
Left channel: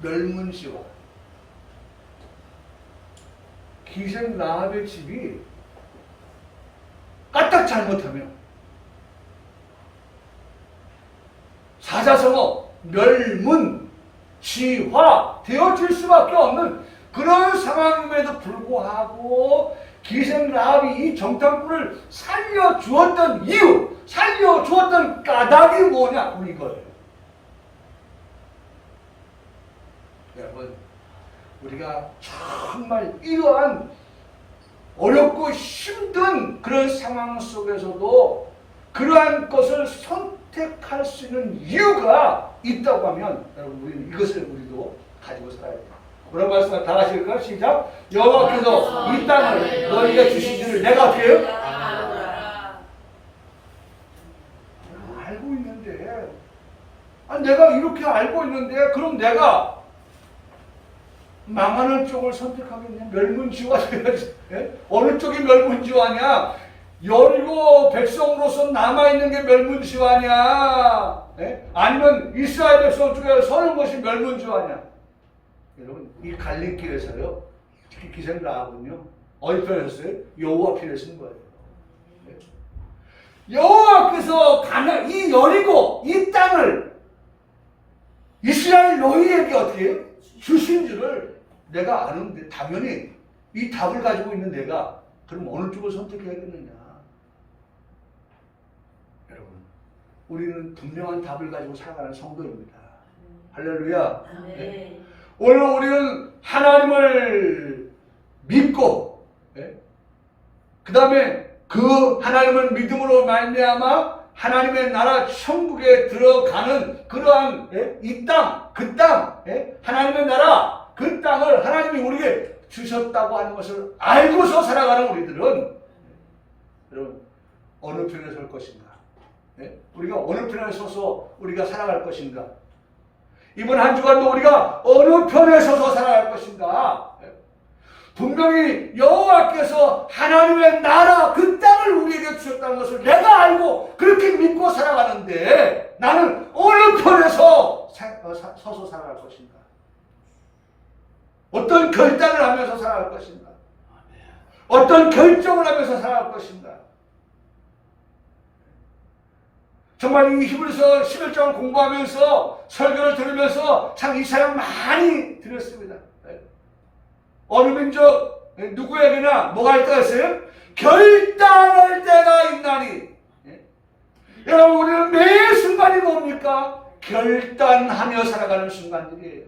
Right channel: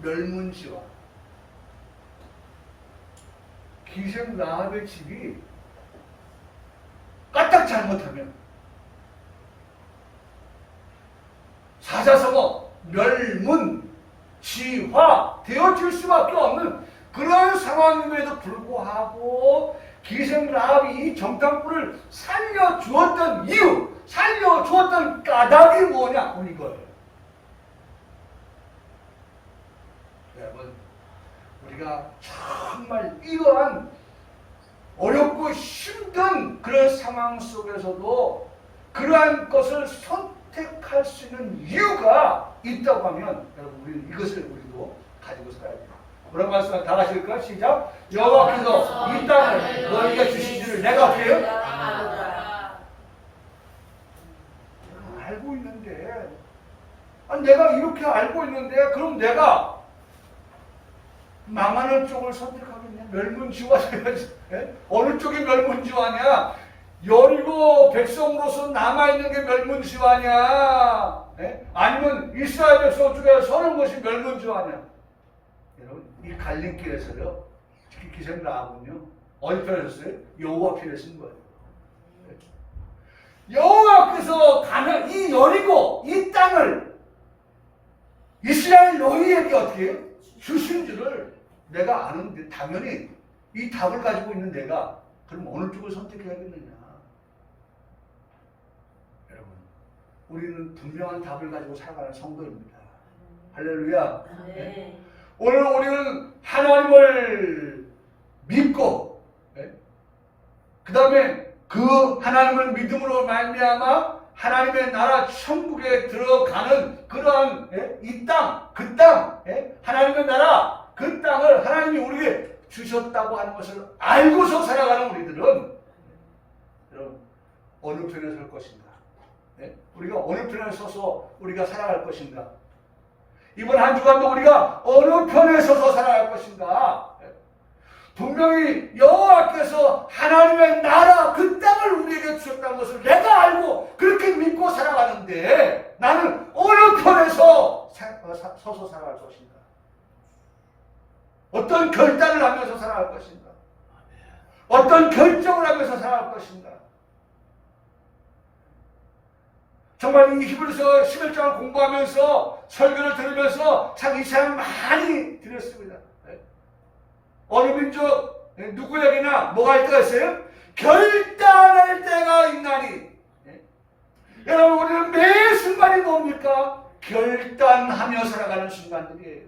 멸문지화. 기생 라합의 집이 까딱 잘못하면 사자성어 멸문지화 되어질 수밖에 없는 그런 상황임에도 불구하고 기생 라합이 이 정탐꾼을 살려주었던 이유, 살려주었던 까닭이 뭐냐? 우리 이거예요. 여러분, 우리가 정말 이러한 어렵고 힘든 그런 상황 속에서도 그러한 것을 선택할 수 있는 이유가 있다고 하면 여러분, 우리 이것을 우리도 가지고 살아야 돼요. 그런 말씀을 다 하실까요? 시작. 여호와께서 이 땅을 너희에게 주신 줄을 내가 어떻게 해요? 알고 있는데, 아니 내가 이렇게 알고 있는데 그럼 내가 망하는 쪽을 선택하고 있네. 멸문지화 돼야지. 어느 쪽이 멸문지화냐? 여리고 백성으로서 남아있는 게 멸문지화냐? 아니면 이스라엘 백성 중에 서는 것이 멸문지화냐? 여러분, 이 갈림길에서요, 특히 기생 라합은요, 어디 편에 섰어요? 여호와 편에 쓴 거예요. 여호와께서 이 여리고 이 땅을 이스라엘 너희에게 어떻게 해요? 주신 줄을 내가 아는데 당연히 이 답을 가지고 있는 내가 그럼 어느 쪽을 선택해야겠느냐? 여러분, 우리는 분명한 답을 가지고 살아가는 성도입니다. 할렐루야. 네. 오늘 우리는 하나님을 믿고, 그 다음에 그 하나님을 믿음으로 말미암아 하나님의 나라 천국에 들어가는 그러한 이 땅, 그 땅, 하나님의 나라 그 땅을 하나님이 우리에게 주셨다고 하는 것을 알고서 살아가는 우리들은 여러분 어느 편에 설 것인가? 우리가 어느 편에 서서 우리가 살아갈 것인가? 이번 한 주간도 우리가 어느 편에 서서 살아갈 것인가? 분명히 여호와께서 하나님의 나라 그 땅을 우리에게 주셨다는 것을 내가 알고 그렇게 믿고 살아가는데 나는 어느 편에서 서서 살아갈 것인가? 어떤 결단을 하면서 살아갈 것인가? 어떤 결정을 하면서 살아갈 것인가? 정말 이 히브리서 11장 공부하면서 설교를 들으면서 참 이 사람 많이 들었습니다. 어느 민족 누구에게나 뭐가 있다고 했어요? 결단할 때가 있나니. 여러분, 우리는 매 순간이 뭡니까? 결단하며 살아가는 순간들이에요.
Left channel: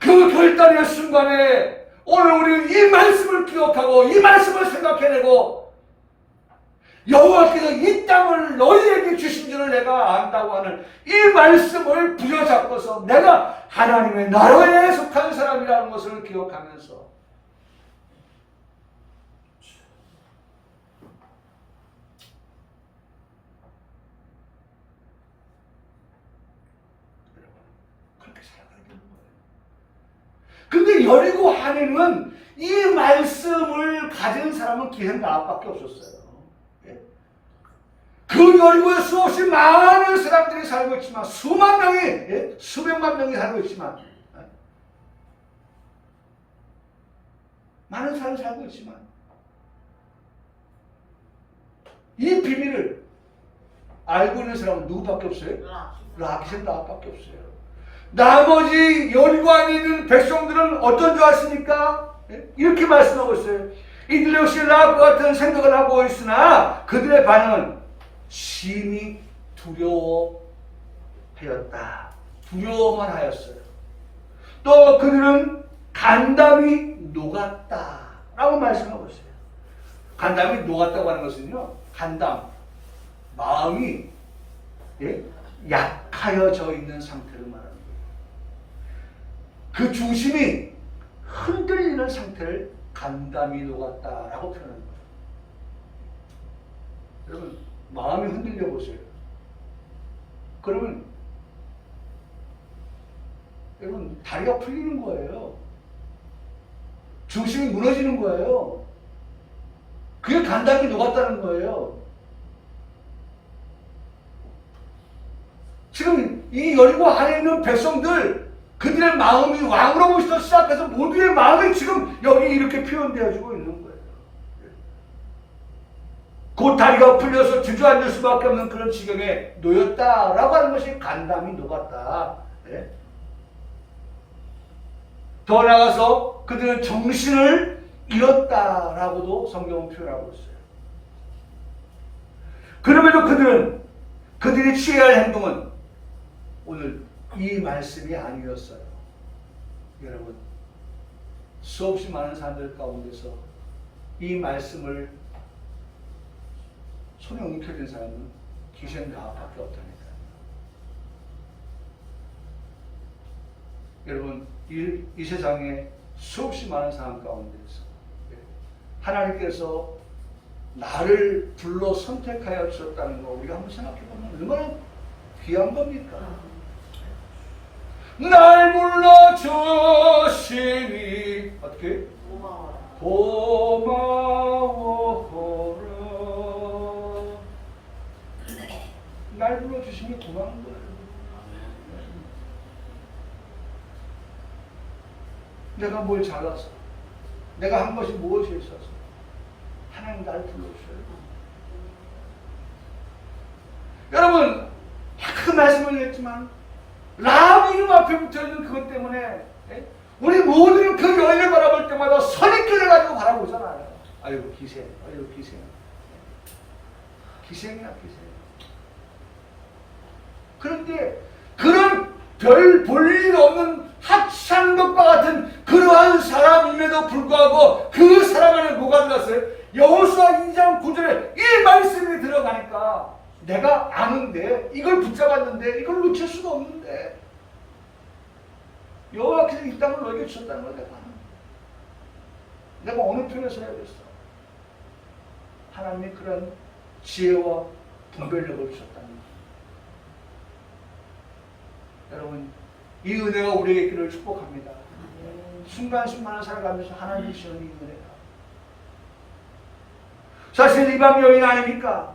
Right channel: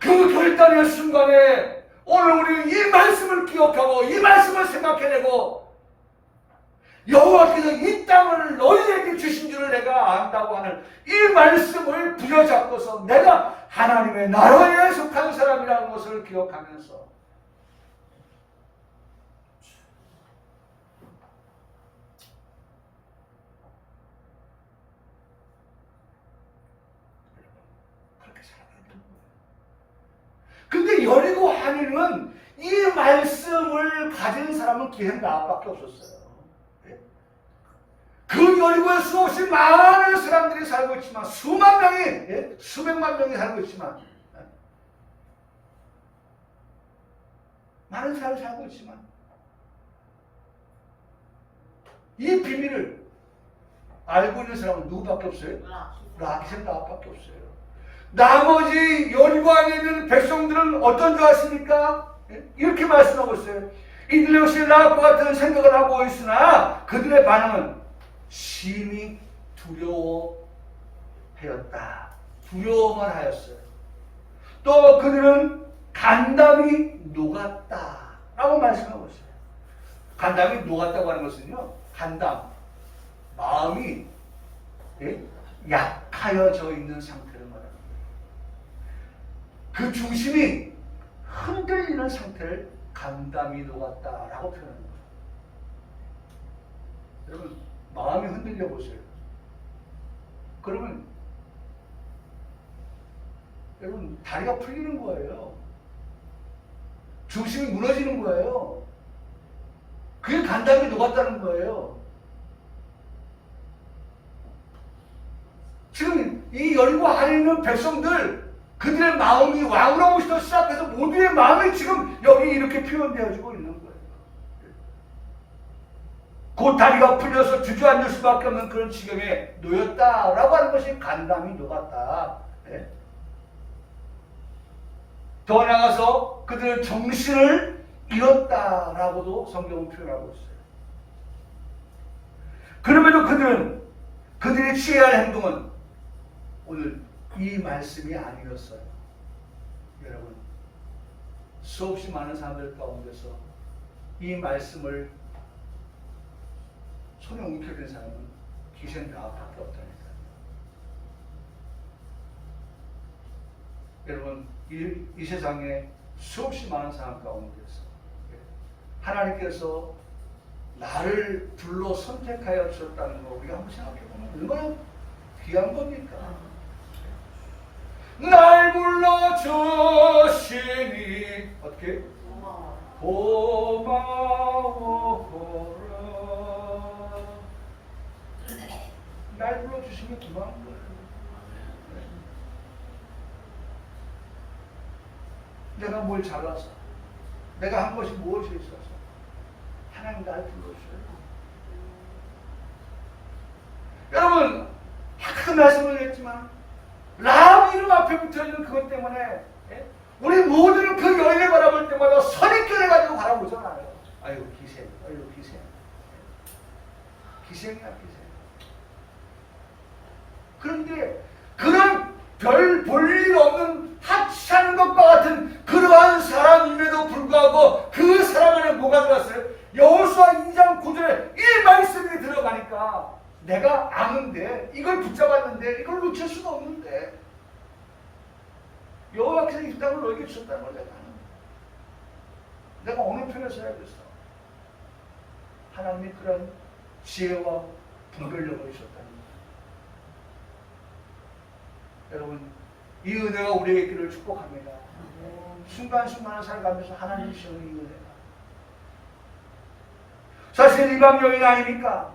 그 결단의 순간에 오늘 우리는 이 말씀을 기억하고 이 말씀을 생각해내고 여호와께서 이 땅을 너희에게 주신 줄을 내가 안다고 하는 이 말씀을 부여잡고서 내가 하나님의 나라에 속한 사람이라는 것을 기억하면서 그렇게 살아가야 되는 거예요. 근데 여리고 하나님은 이 말씀을 가진 사람은 기생 라합밖에 없었어요. 그 여리고에 수없이 많은 사람들이 살고 있지만 수만 명이 수백만 명이 살고 있지만 많은 사람이 살고 있지만 이 비밀을 알고 있는 사람은 누구밖에 없어요? 라기스 나밖에 없어요. 나머지 여리고 안에 있는 백성들은 어떤 줄 아십니까? 이렇게 말씀하고 있어요. 이들 역시 라합과 같은 생각을 하고 있으나 그들의 반응은 심히 두려워하였다. 두려워만 하였어요. 또 그들은 간담이 녹았다 라고 말씀하고 있어요. 간담이 녹았다고 하는 것은요, 간담, 마음이 약하여져 있는 상태를 말합니다. 그 중심이 흔들리는 상태를 간담이 녹았다라고 표현합니다. 여러분, 마음이 흔들려 보세요. 그러면 여러분 다리가 풀리는 거예요. 중심이 무너지는 거예요. 그게 간담이 녹았다는 거예요. 지금 이 여리고 안에 있는 백성들, 그들의 마음이 왕으로부터 시작해서 모두의 마음이 지금 여기 이렇게 표현되어지고 있는 거예요. 곧 다리가 풀려서 주저앉을 수밖에 없는 그런 지경에 놓였다라고 하는 것이 간담이 녹았다. 예? 더 나아가서 그들은 정신을 잃었다라고도 성경은 표현하고 있어요. 그럼에도 그들이 취해야 할 행동은 오늘 이 말씀이 아니었어요. 여러분, 수없이 많은 사람들 가운데서 이 말씀을 손에 움켜쥔 사람은 기생 나밖에 없답니다. 여러분, 이 세상에 수없이 많은 사람 가운데서 하나님께서 나를 불러 선택하여 주셨다는 거 우리가 한번 생각해 보면 얼마나 귀한 겁니까? 날 불러주시니 어떻게? 고마워라. 날 불러주시면 고마운 거예요. 내가 뭘 잘해서, 내가 한 것이 무엇이 있어서 하나님 날 불러주셔요. 여러분, 그 말씀을 했지만 라합 이름 앞에 붙어있는 그것 때문에 우리 모두는 그 여인을 바라볼 때마다 선입견을 가지고 바라보잖아요. 아유 기생, 아유 기생, 기생이야 기생. 그런데 그런 별 볼일 없는 하찮은 것과 같은 그러한 사람임에도 불구하고 그 사람 안에 뭐가 들어갔어요? 여호수아 2장 9절에 이 말씀이 들어가니까 내가 아는데 이걸 붙잡았는데 이걸 놓칠 수가 없는데 여호와께서 이 땅을 너에게 주셨다는 걸 내가 아는데 내가 어느 편에 서야겠어? 하나님이 그런 지혜와 분별력을 주셨다는 것. 여러분, 이 은혜가 우리에게 있기를 축복합니다. 순간순간을 살아가면서 하나님이 주시는 이 은혜가 사실 이방 여인 아닙니까?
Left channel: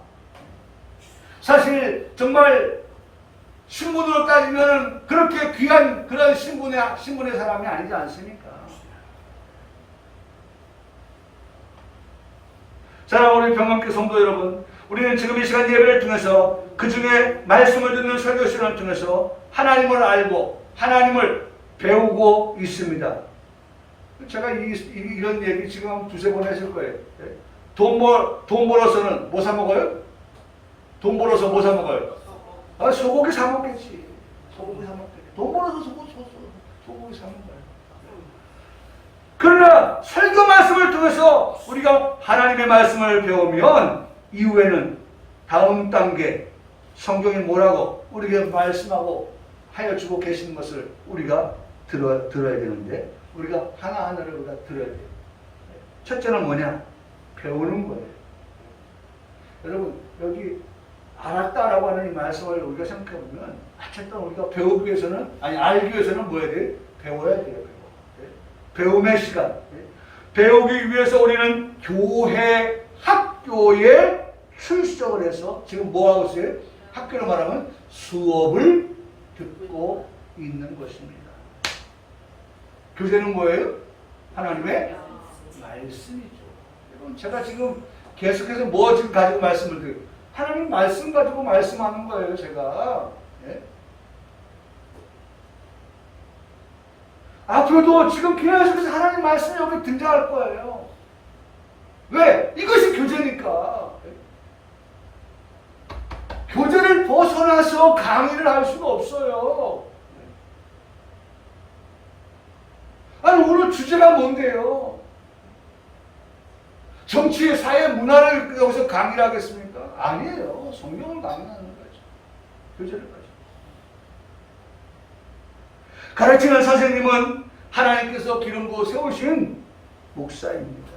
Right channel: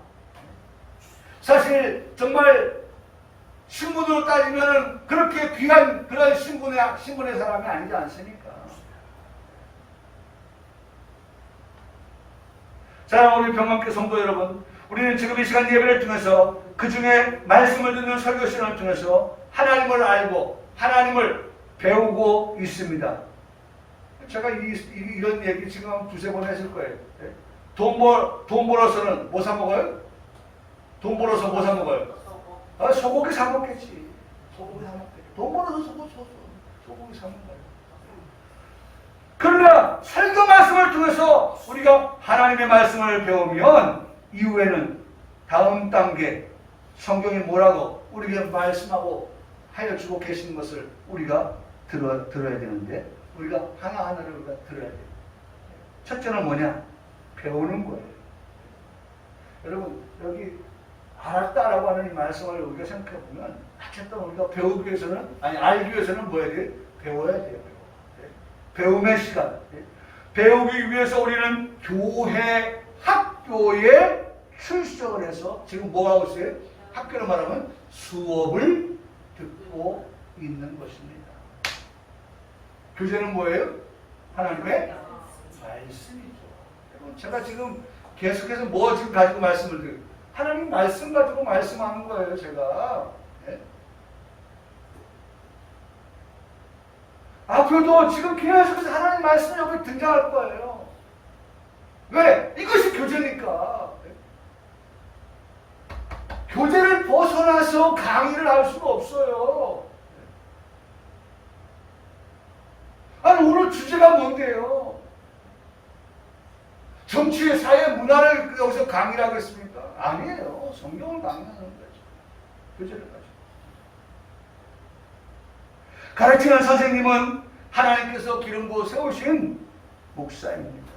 사실 정말 신분으로 따지면 그렇게 귀한 그런 신분의 사람이 아니지 않습니까? 자, 우리 병감교 성도 여러분, 우리는 지금 이 시간 예배를 통해서 그 중에 말씀을 듣는 설교 시간을 통해서 하나님을 알고 하나님을 배우고 있습니다. 제가 이런 얘기 지금 한 두세 번 했을 거예요. 돈 벌어서는 뭐 사 먹어요? 돈 벌어서 뭐 사 먹어요? 아, 소고기 사 먹겠지. 소고기 사 먹겠지. 돈 벌어서 소고기 사 먹어요. 그러나 설교 말씀을 통해서 우리가 하나님의 말씀을 배우면 이후에는 다음 단계 성경이 뭐라고 우리에게 말씀하고 하여 주고 계신 것을 우리가 들어야 되는데 우리가 하나하나를 우리가 들어야 돼요. 첫째는 뭐냐? 배우는 거예요. 여러분, 여기 알았다라고 하는 이 말씀을 우리가 생각해 보면 어쨌든 우리가 배우기 위해서는 알기 위해서는 뭐 해야 돼요? 배워야 돼요. 배움의 시간. 배우기 위해서 우리는 교회 학교에 출석을 해서 지금 뭐 하고 있어요? 학교로 말하면 수업을 듣고 있는 것입니다. 교재는 뭐예요? 하나님의 말씀이죠. 여러분, 제가 지금 계속해서 뭐 지금 가지고 말씀을 드려요? 하나님 말씀 가지고 말씀하는 거예요, 제가. 네? 앞으로도 지금 계속해서 하나님 말씀이 여기 등장할 거예요. 왜? 이것이 교제니까. 교제를 벗어나서 강의를 할 수가 없어요. 아니, 오늘 주제가 뭔데요? 정치, 사회, 문화를 여기서 강의를 하겠습니까? 아니에요. 성경을 강의하는 거죠. 교제를 가지고. 가르치는 선생님은 하나님께서 기름 부어 세우신 목사입니다.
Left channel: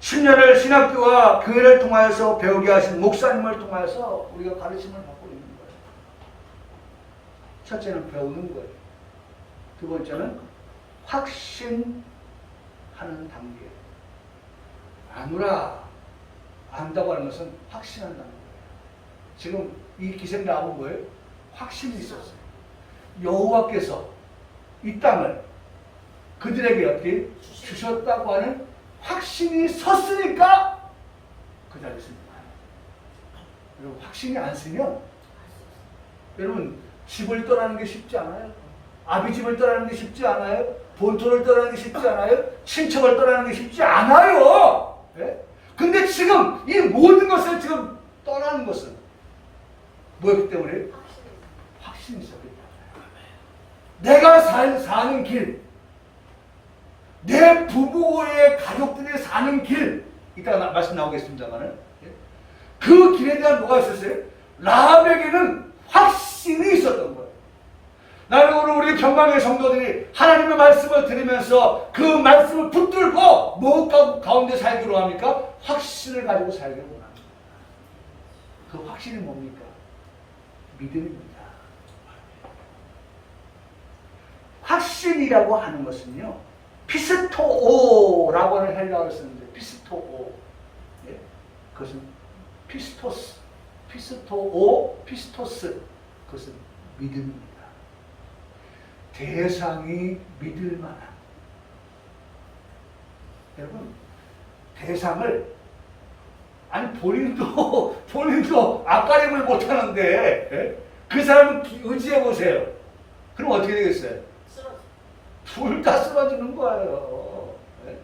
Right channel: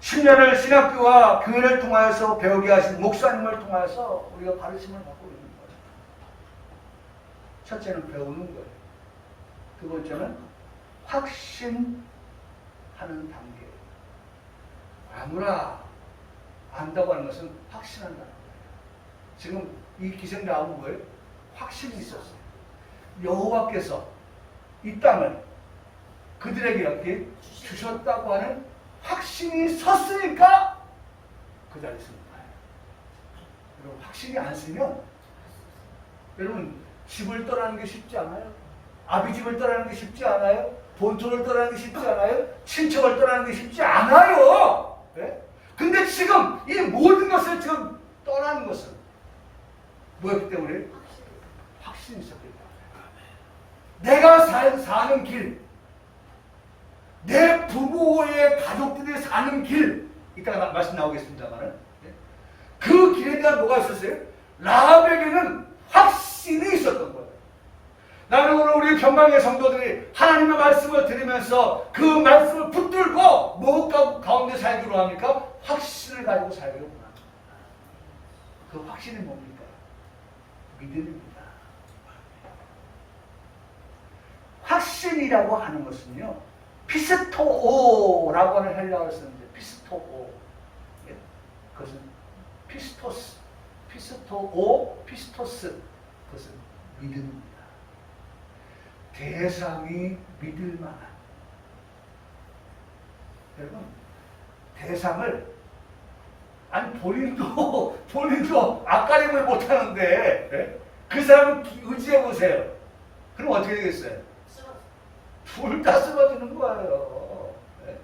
10년을 신학교와 교회를 통하여서 배우게 하신 목사님을 통해서 우리가 가르침을 받고 있는 거예요. 첫째는 배우는 거예요. 두 번째는 확신하는 단계. 아무나 안다고 하는 것은 확신한다는 거예요. 지금 이 기생 나온 거예요. 확신이 있었어요. 여호와께서 이 땅을 그들에게 어떻게 주셨다고 하는 확신이 섰으니까 그 자리에 씁니다. 여러분, 확신이 안 쓰면 여러분 집을 떠나는 게 쉽지 않아요. 아비집을 떠나는 게 쉽지 않아요. 본토를 떠나는 게 쉽지 않아요. 친척을 떠나는 게 쉽지 않아요. 네? 근데 지금 이 모든 것을 지금 떠나는 것은 뭐였기 때문에? 확신이 있었기 때문에. 내가 사는 길, 내 부부의 가족들이 사는 길, 이따가 말씀 나오겠습니다만 그 길에 대한 뭐가 있었어요? 라합에게는 확신이 있었던 거예요. 나는 오늘 우리 평강의 성도들이 하나님의 말씀을 들으면서 그 말씀을 붙들고 뭐 가운데 살기로 합니까? 확신을 가지고 살기로 합니다. 그 확신이 뭡니까? 믿음입니다. 확신이라고 하는 것은요, 피스토오라고 하는 헬라어를 쓰는데, 피스토오. 예? 그것은 피스토스. 피스토오, 피스토스. 그것은 믿음입니다. 대상이 믿을 만한. 여러분, 대상을, 아니, 본인도 앞가림을 못하는데, 예? 그 사람은 의지해 보세요. 그럼 어떻게 되겠어요? 둘 다 쓰러지는 거예요. 네?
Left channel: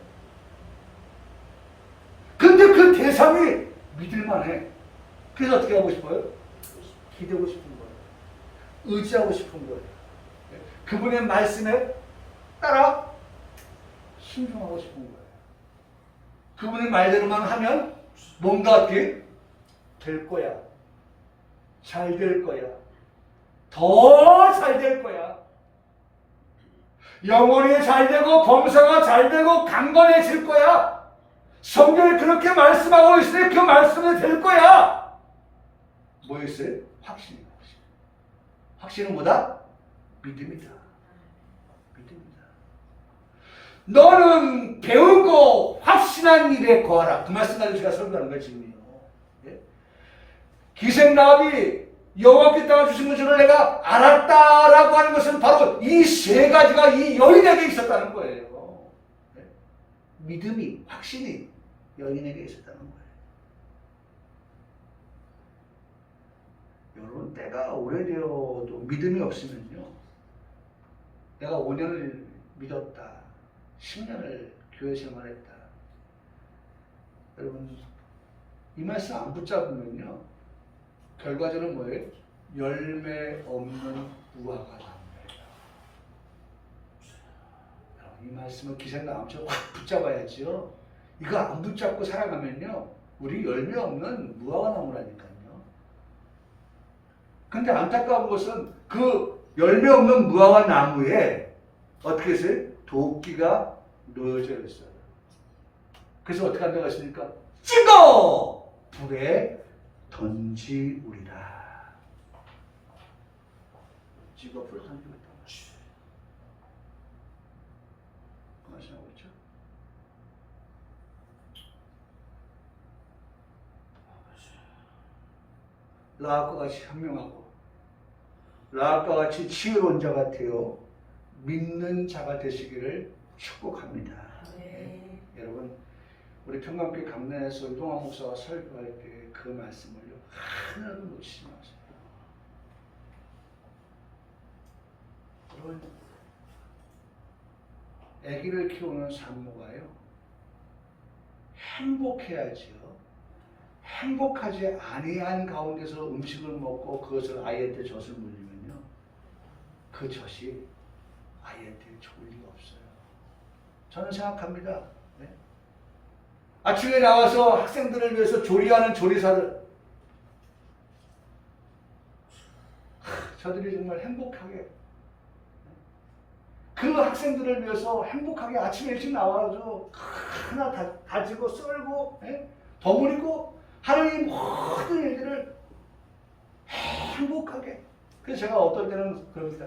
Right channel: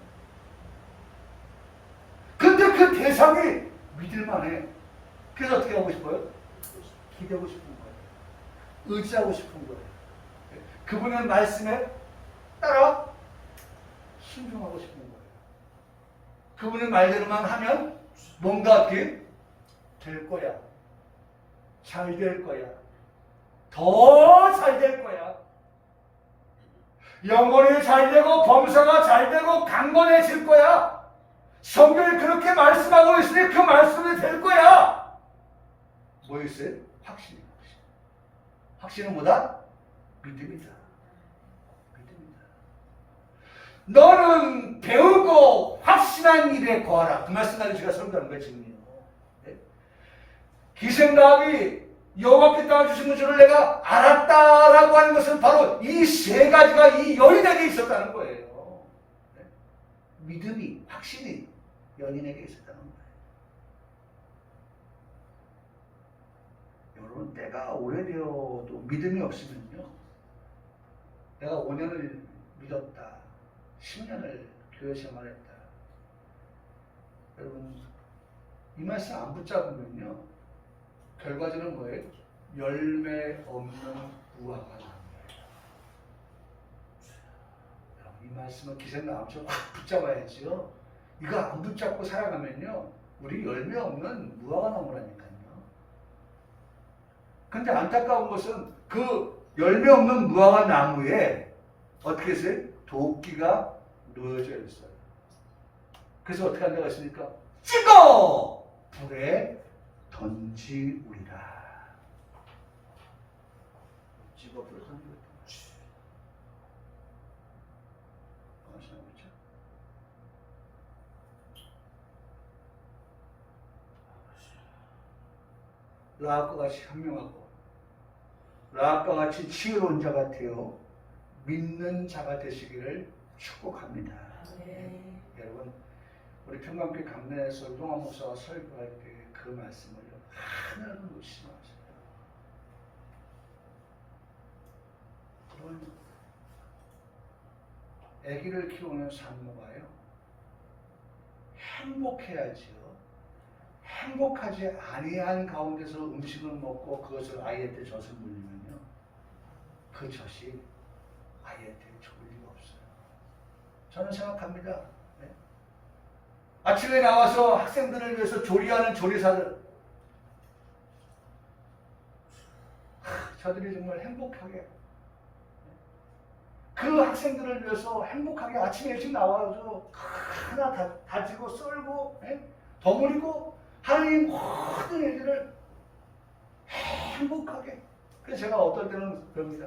근데 그 대상이 믿을만해. 그래서 어떻게 하고 싶어요? 기대고 싶은 거예요. 의지하고 싶은 거예요. 네? 그분의 말씀에 따라 순종하고 싶은 거예요. 그분의 말대로만 하면 뭔가 어떻게 될 거야. 잘 될 거야. 더 잘 될 거야. 영혼이 잘 되고 범사가 잘 되고 강건해질 거야. 성경이 그렇게 말씀하고 있으니 그 말씀이 될 거야. 뭐였어요? 확신이에요. 확신. 확신은 뭐다? 믿음이다. 믿음이다. 너는 배우고 확신한 일에 거하라. 그 말씀 나도 제가 설교하는 거예요, 지금요. 네? 기생라합이 여호와께 땅을 주신 줄을 내가 알았다라고 하는 것은 바로 이 세 가지가 이 여인에게 있었다는 거예요. 네? 믿음이, 확신이 여인에게 있었다는 거예요. 여러분, 내가 오래되어도 믿음이 없으면요, 내가 5년을 믿었다, 10년을 교회 생활했다, 여러분, 이 말씀 안 붙잡으면요, 결과적으로 뭐예요? 열매 없는 무화과 나무예요. 이 말씀을 기생나무처럼 확 붙잡아야지요. 이거 안 붙잡고 살아가면요, 우리 열매 없는 무화과 나무라니까요. 근데 안타까운 것은 그 열매 없는 무화과 나무에 어떻게 했어요? 도끼가 놓여져 있어요. 그래서 어떻게 한다고 했습니까? 찍어! 불에 던지우리라. 찍어 불에 던지우리라. 아시나고 있죠? 라합과 같이 현명하고 라합과 같이 지혜로운 자가 되어 믿는 자가 되시기를 축복합니다. 네. 여러분, 우리 평강교회 강단에서 이동환 목사가 설교할 때 그 말씀을요 하나도 놓치지 마세요. 그런 아기를 키우는 산모가요 행복해야지요. 행복하지 아니한 가운데서 음식을 먹고 그것을 아이한테 젖을 물리면요 그 젖이 아이한테 좋을 리가 없어요. 저는 생각합니다. 네? 아침에 나와서 학생들을 위해서 조리하는 조리사들 저들이 정말 행복하게 그 학생들을 위해서 행복하게 아침에 일찍 나와서 하나 다지고 썰고 버무리고 하나님 모든 일들을 행복하게. 그래서 제가 어떨 때는 그럽니다.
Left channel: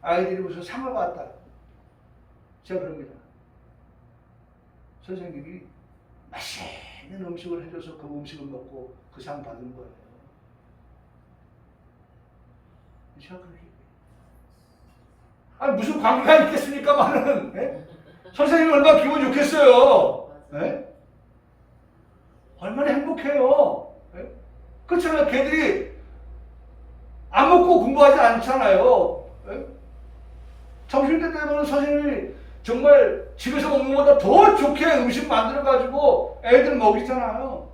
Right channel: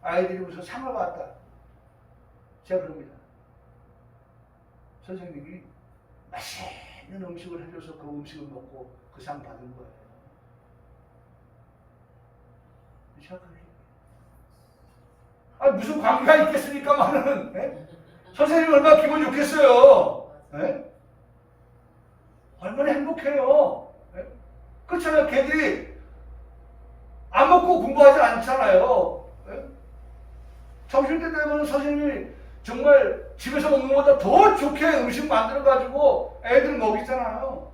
아이들이 무슨 상을 받았다. 제가 그럽니다. 선생님이 맛있는 음식을 해줘서 그 음식을 먹고 그 상 받은 거예요. 제가 그렇게 아니 무슨 관계가 있겠습니까만은 선생님이 얼마나 기분 좋겠어요. 얼마나 행복해요. 그렇잖아요. 걔들이 안 먹고 공부하지 않잖아요. 점심때 되면 선생님이 정말 집에서 먹는 것보다 더 좋게 음식 만들어가지고 애들 먹이잖아요.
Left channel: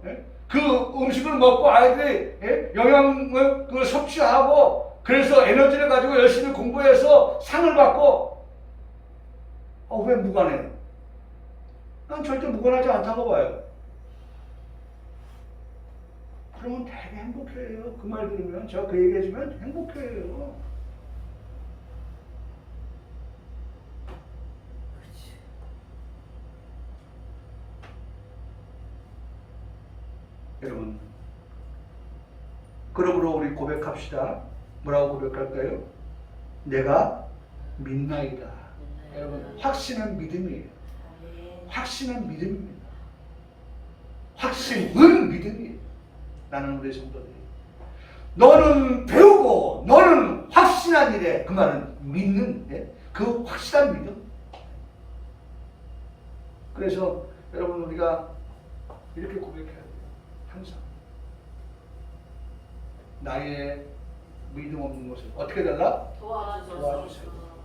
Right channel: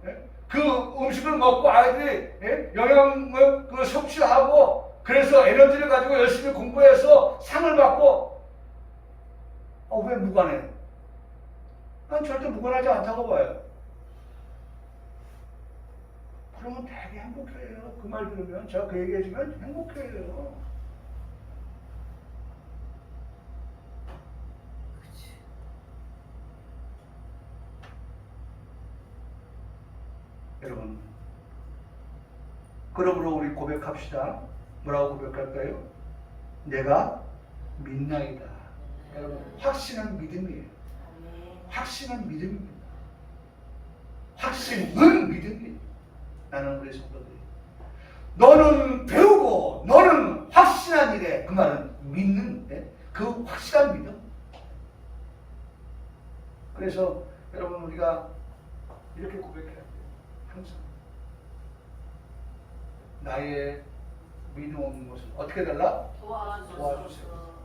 그 음식을 먹고 아이들이 영양을 섭취하고 그래서 에너지를 가지고 열심히 공부해서 상을 받고 왜 무관해요? 난 절대 무관하지 않다고 봐요. 그러면 되게 행복해요. 그 말 들으면 제가 그 얘기해주면 행복해요. 여러분, 그러므로 우리 고백합시다. 뭐라고 고백할까요? 내가 믿나이다. 여러분, 확신은 믿음이에요. 확신은 믿음입니다. 확신은 믿음이에요. 나는 우리 성도들이 너는 배우고 너는 확신한 일에 그 말은 믿는 그 확실한 믿음. 그래서 여러분 우리가 이렇게 고백해야 돼요. 항상 나의 믿음 없는 것을 어떻게 달라? 도와주세요.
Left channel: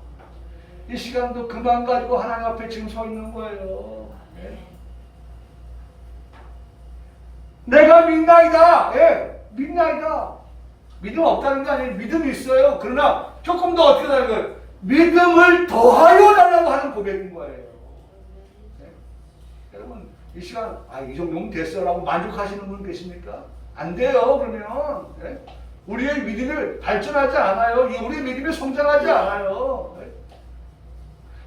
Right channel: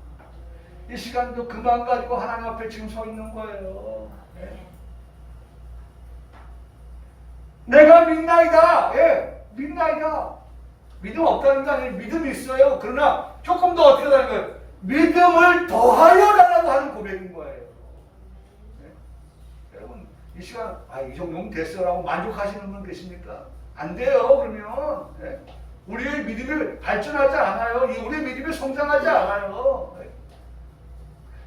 이 시간도 그만 가지고 하나님 앞에 지금 서 있는 거예요. 내가 믿나이다. 믿나이다. 믿음 없다는 게 아니에요. 믿음이 있어요. 그러나 조금 더 어떻게 하는 거예요? 믿음을 더하여 달라고 하는 고백인 거예요. 여러분 이 시간 이 정도면 됐어라고 만족하시는 분 계십니까? 안 돼요. 그러면 우리의 믿음이 발전하지 않아요. 우리의 믿음이 성장하지 않아요.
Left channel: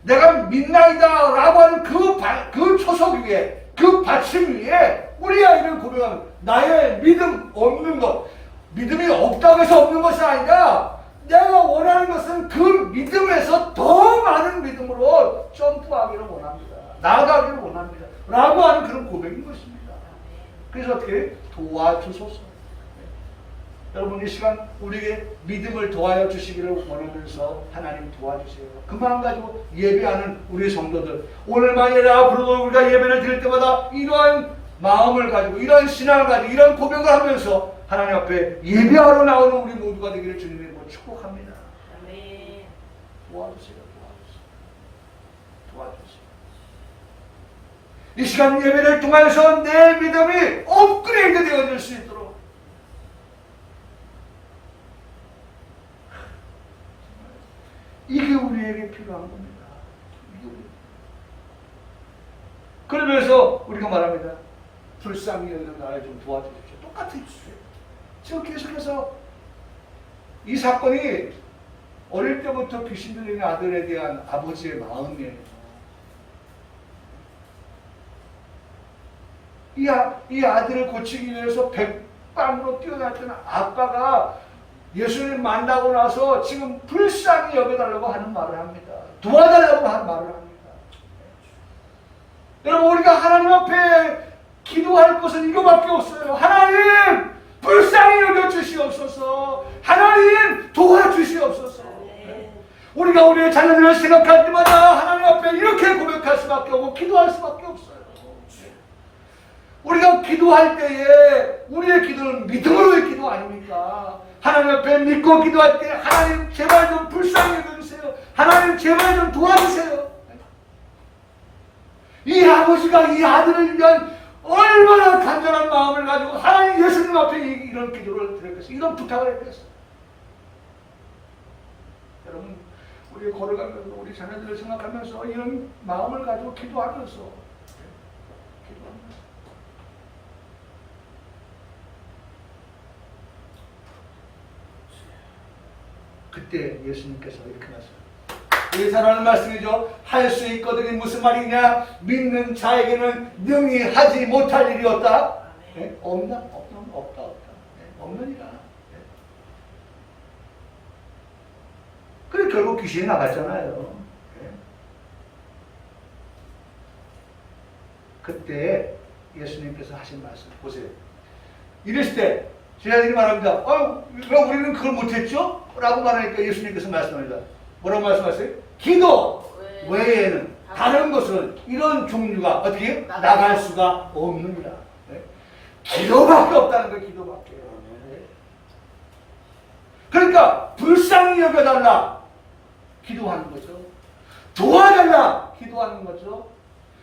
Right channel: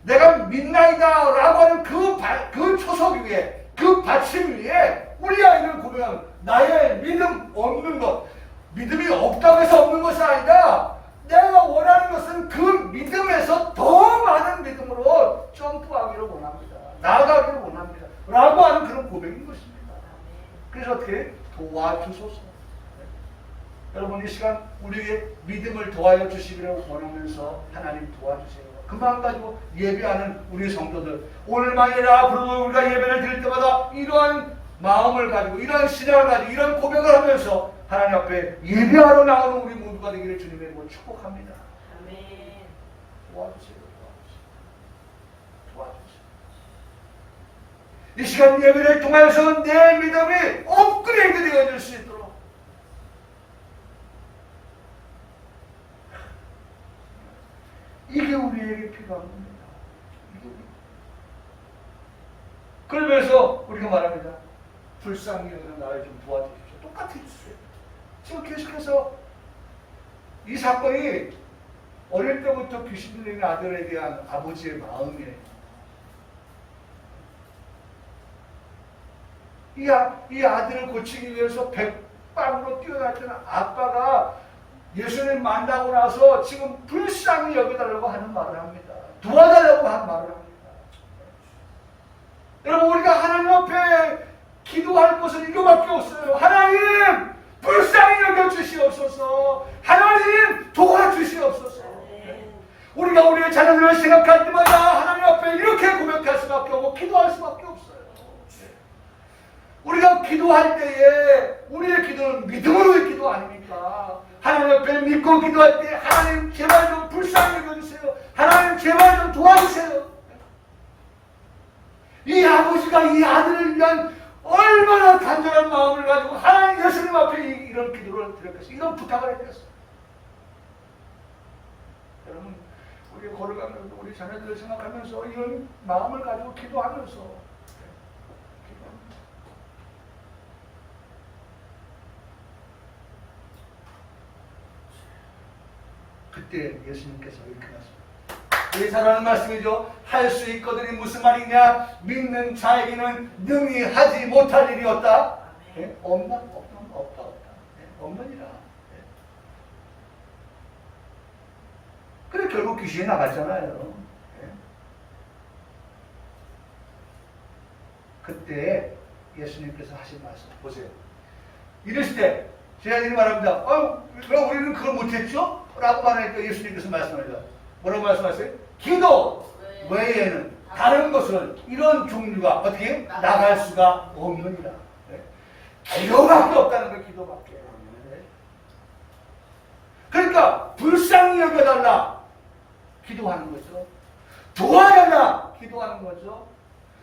내가 믿나이다 라고 하는 그 초석 위에 그 받침 위에 우리 아이를 고백하면 나의 믿음 없는 것, 믿음이 없다고 해서 없는 것이 아니라 내가 원하는 것은 그 믿음에서 더 많은 믿음으로 점프하기를 원합니다. 나아가기를 원합니다. 라고 하는 그런 고백인 것입니다. 그래서 어떻게 도와주소서. 여러분 이 시간 우리에게 믿음을 도와여 주시기를 원하면서 하나님 도와주세요. 그 마음 가지고 예배하는 우리 성도들 오늘만이 아니라 앞으로도 우리가 예배를 드릴 때마다 이러한 마음을 가지고 이러한 신앙을 가지고 이러한 고백을 하면서 하나님 앞에 예배하러 나오는 우리 모두가 되기를 주님의 이름으로 축복합니다. 아멘. 도와주세요. 도와주세요. 이 시간 예배를 통해서 내 믿음이 업그레이드 되어질 수 있도록 이게 우리에게 필요한 겁니다. 그러면서 우리가 말합니다. 불쌍히 여기는 나를 좀 도와주십시오. 똑같은 주제예요. 지금 계속해서 이 사건이 어릴 때부터 귀신 들리는 아들에 대한 아버지의 마음이에요. 이 아들을 고치기 위해서 백방으로 뛰어났던 아빠가 예수님 만나고 나서 지금 불쌍히 여겨달라고 하는 말을 합니다. 도와달라고 하는 말을 합니다. 여러분 우리가 하나님 앞에 기도할 것은 이거밖에 없어요. 하나님 불쌍히 여겨주시옵소서. 하나님 도와주시옵소서. 우리가 우리의 자녀들을 생각할 때마다 하나님 앞에 이렇게 고백할 수밖에 없고 기도할 수밖에 없어요. 우리가 기도할 때에 우리의 기도는 믿음으로의 기도 아닙니까? 하나님 앞에 믿고 기도할 때 하나님 제발 좀 불쌍히 여겨주세요. 하나님 제발 좀 도와주세요. 이 아버지가 이 아들을 위한 얼마나 간절한 마음을 가지고 하나님 예수님 앞에 이런 기도를 드렸겠어요. 이런 부탁을 했겠어요. 여러분 우리가 걸어가면서 우리 자녀들을 생각하면서 이런 마음을 가지고 기도하면서 그때 예수님께서 이렇게 말씀하셨어요. 이 사랑하는 말씀이죠. 할 수 있거든이 무슨 말이냐? 믿는 자에게는 능히 하지 못할 일이 없다. 네? 없나? 없다. 네? 없느니라. 네? 그래 결국 귀신이 나갔잖아요. 네? 그때 예수님께서 하신 말씀 보세요. 이랬을 때 제자들이 말합니다. 왜 우리는 그걸 못했죠? 라고 말하니까 예수님께서 말씀합니다. 뭐라고 말씀하세요? 기도 외에는 다른 것은 이런 종류가 어떻게 나갈 수가 없느니라. 네? 기도밖에 없다는 거예요. 기도밖에. 네? 그러니까 불쌍히 여겨달라. 기도하는 거죠. 도와달라. 기도하는 거죠.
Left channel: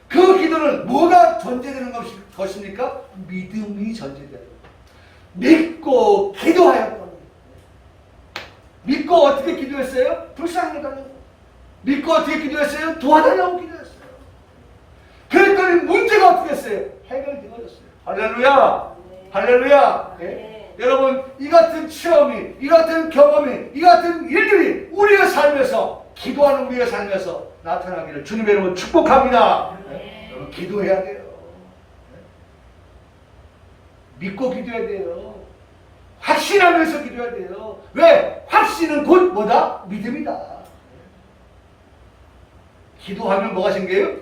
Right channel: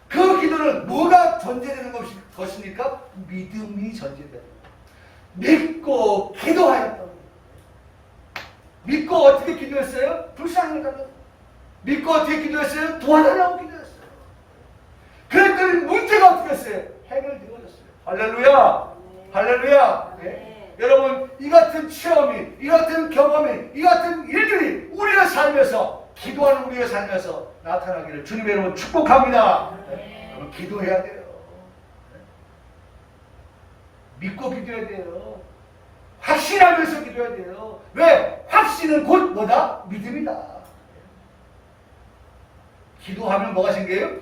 그 기도는 뭐가 전제되는 것입니까? 믿음이 전제되는 거예요. 믿고 기도하였다. 믿고 어떻게 기도했어요? 불쌍히 여달라고. 믿고 어떻게 기도했어요? 도와달라고 기도했어요. 그랬더니 문제가 어떻게 했어요? 해결되어졌어요. 할렐루야! 네. 할렐루야! 네? 네. 여러분 이 같은 체험이, 이 같은 경험이, 이 같은 일들이 우리의 삶에서 기도하는 우리의 삶에서 나타나기를 주님의 이름으로 축복합니다. 네. 여러분 기도해야 돼요. 믿고 기도해야 돼요. 확신하면서 기도해야 돼요. 왜? 확신은 곧 뭐다? 믿음이다. 기도하면 뭐가 생겨요?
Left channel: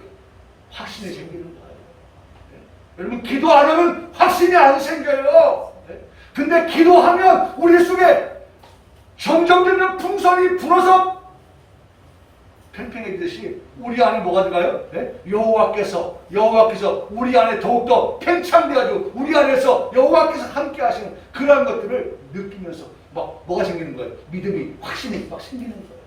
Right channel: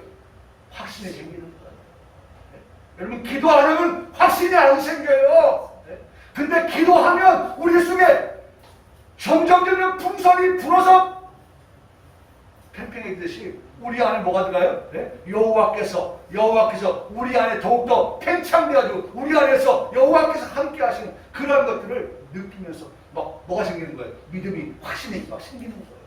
확신이 생기는 거예요. 여러분 기도 안 하면 확신이 안 생겨요. 근데 기도하면 우리 속에 정정되는 풍선이 불어서 팽팽해지듯이 우리 안에 뭐가 들어가요? 네? 여호와께서 우리 안에 더욱더 팽창되어가지고 우리 안에서 여호와께서 함께 하시는 그러한 것들을 느끼면서 막 뭐가 생기는 거예요? 믿음이 확신이 막 생기는 거예요.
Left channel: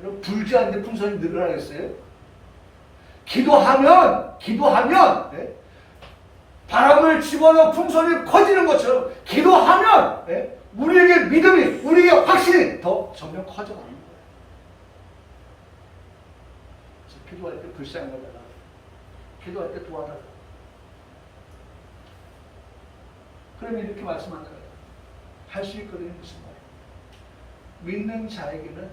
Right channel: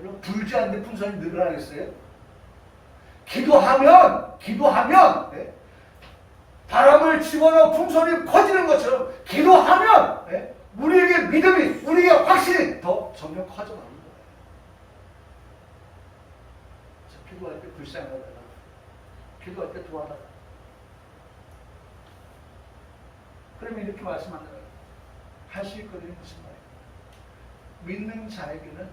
여러분 불지 않는 풍선이 늘어나겠어요? 기도하면 네? 바람을 집어넣어 풍선이 커지는 것처럼 기도하면 네? 우리에게 믿음이, 우리에게 확신이 더 점점 커져가는 거예요. 기도할 때 불쌍히 여달라. 기도할 때 도와달라. 그러면 이렇게 말씀하는 거예요. 할 수 있거든요. 무슨 말이에요? 믿는 자에게는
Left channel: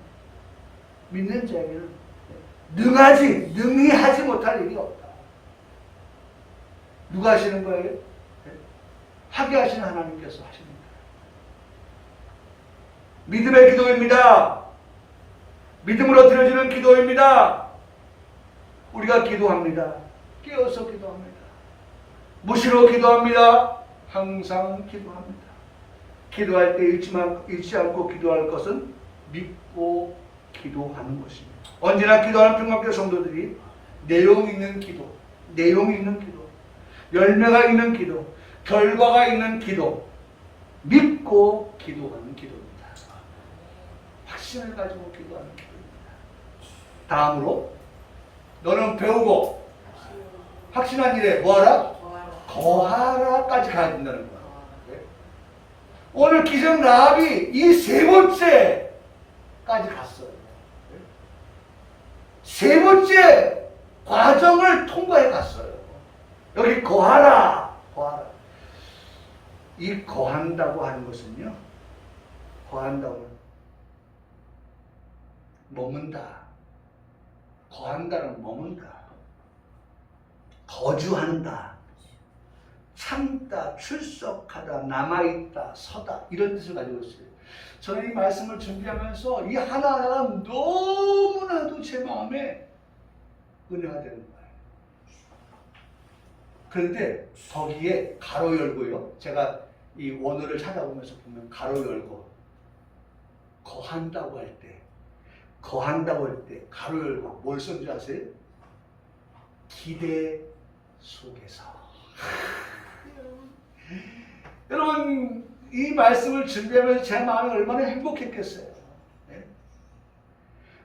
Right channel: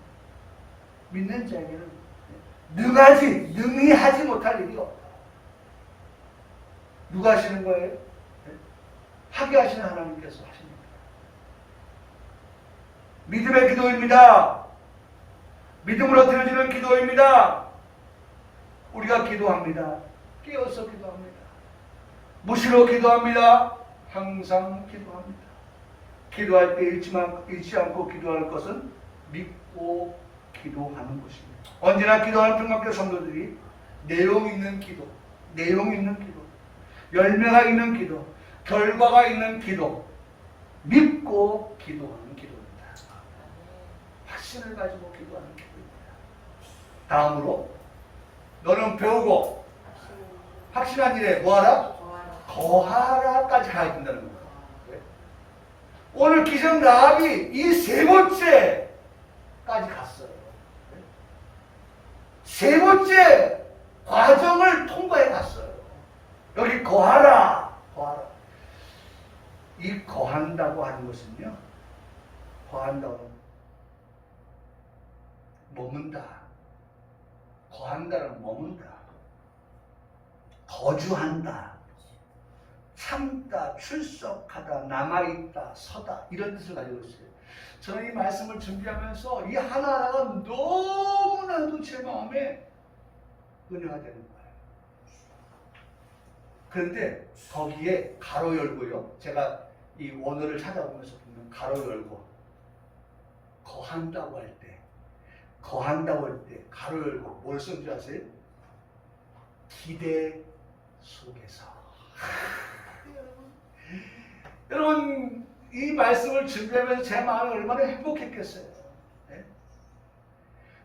능히 하지 못할 일이 없다. 누가 하시는 거예요? 하게 하시는 하나님께서 하십니다. 믿음의 기도입니다. 믿음으로 드려지는 기도입니다. 우리가 기도합니다. 깨어서 기도합니다. 무시로 기도합니다. 항상 기도합니다. 기도할 때 잃지 않고 기도할 것은 믿고 기도하는 것입니다. 언제나 기도하는 평강교회 성도들이 내용 있는 기도, 열매가 있는 기도, 결과가 있는 기도, 믿고 기도하는 기도입니다. 확신을 가지고 기도하는 기도입니다. 다음으로 너는 배우고 확신한 일에 뭐하라? 거하라까지 가야 된다는 거예요. 오늘 기생 라합이 이 세 번째까지 갔어요. 세 번째 과정을 통과해 갔어요. 여기 거하라. 이 거한다고 하는 것은요. 거한다고 머문다. 거한다는 머문다. 거주한다. 참다, 출석하다, 남아있다, 서다 이런 뜻을 가지고 있어요. 저는 이 말씀을 준비하면서 이 하나하나가 너무나도 제 마음에 은혜가 되는 거예요. 그런데 거기에 가로 열고요. 제가 이 원어를 찾아보면서 보면 가로 열고 거한다고 할 때 가로 열고 뭘 쓴 줄 아세요? 기대 속에서. 여러분 이 말씀을 준비하면서 제 마음이 얼마나 행복했겠어요. 네?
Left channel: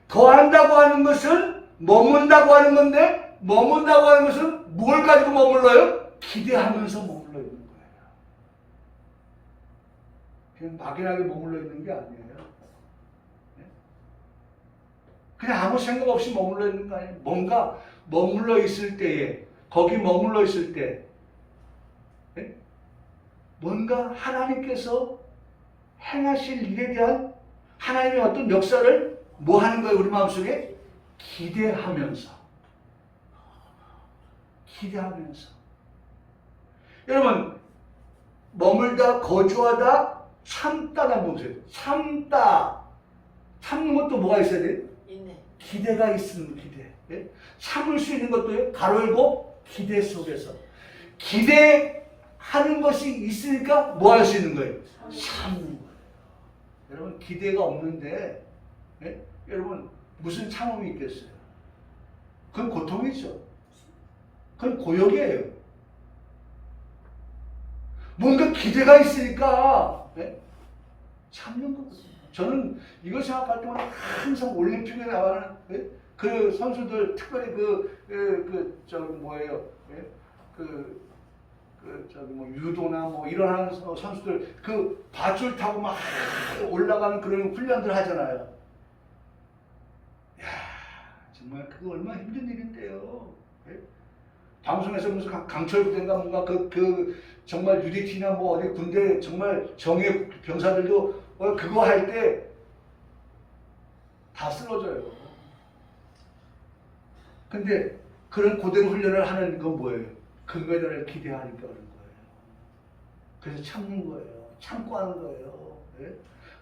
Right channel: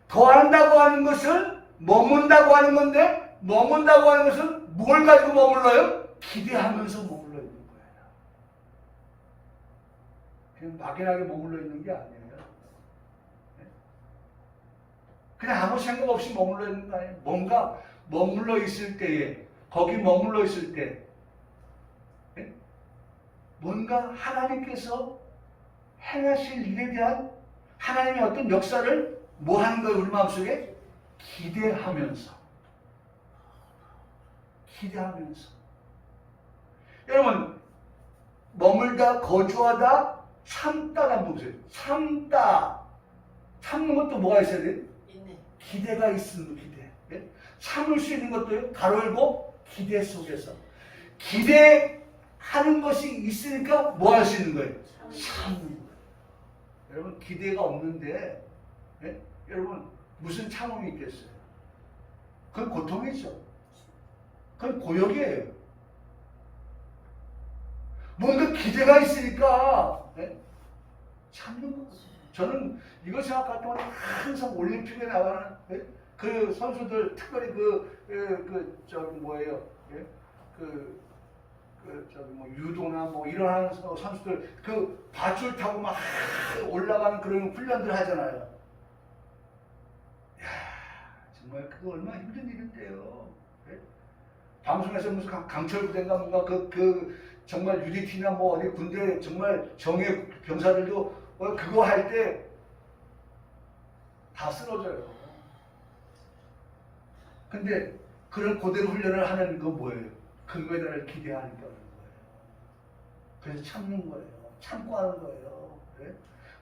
더한다고 하는 것은 머문다고 하는 건데, 머문다고 하는 것은 뭘 가지고 머물러요? 기대하면서 머물러 있는 거예요. 그냥 막연하게 머물러 있는 게 아니에요. 네? 그냥 아무 생각 없이 머물러 있는 거 아니에요. 뭔가 머물러 있을 때에, 거기 머물러 있을 때 네? 뭔가 하나님께서 행하실 일에 대한 하나님의 어떤 역사를 뭐 하는 거예요? 우리 마음속에 기대하면서. 여러분 머물다, 거주하다, 참다라는 거 보세요. 참는 것도 뭐가 있어야 돼요? 기대가 있으면 기대. 예? 참을 수 있는 것도요. 가로 열고 기대 속에서. 기대하는 것이 있으니까 뭐 할 수 있는 거예요? 참는 거예요. 여러분 기대가 없는데 예? 여러분 무슨 참음이 있겠어요? 그건 고통이죠. 그건 고역이에요. 뭔가 기대가 있으니까 예? 참는 거거든요. 저는 이걸 생각할 때마다 항상 올림픽에 나가는 예? 그 선수들, 특별히 저기 뭐예요? 예? 저기 뭐 유도나 뭐 이런 하는 선수들 그 밧줄 타고 막 올라가는 그런 훈련들 하잖아요. 야, 정말 그거 얼마나 힘든 일인데요. 예? 방송에서 무슨 강철부대인가 뭔가 정말 UDT나 뭐 어디 군대 정말 정예 병사들도 그거 할 때 다 쓰러져요. 근데 그런 고된 훈련을 하는 건 뭐예요? 금메달을 기대하니까 하는 거예요. 그래서 참는 거예요. 참고 하는 거예요. 네?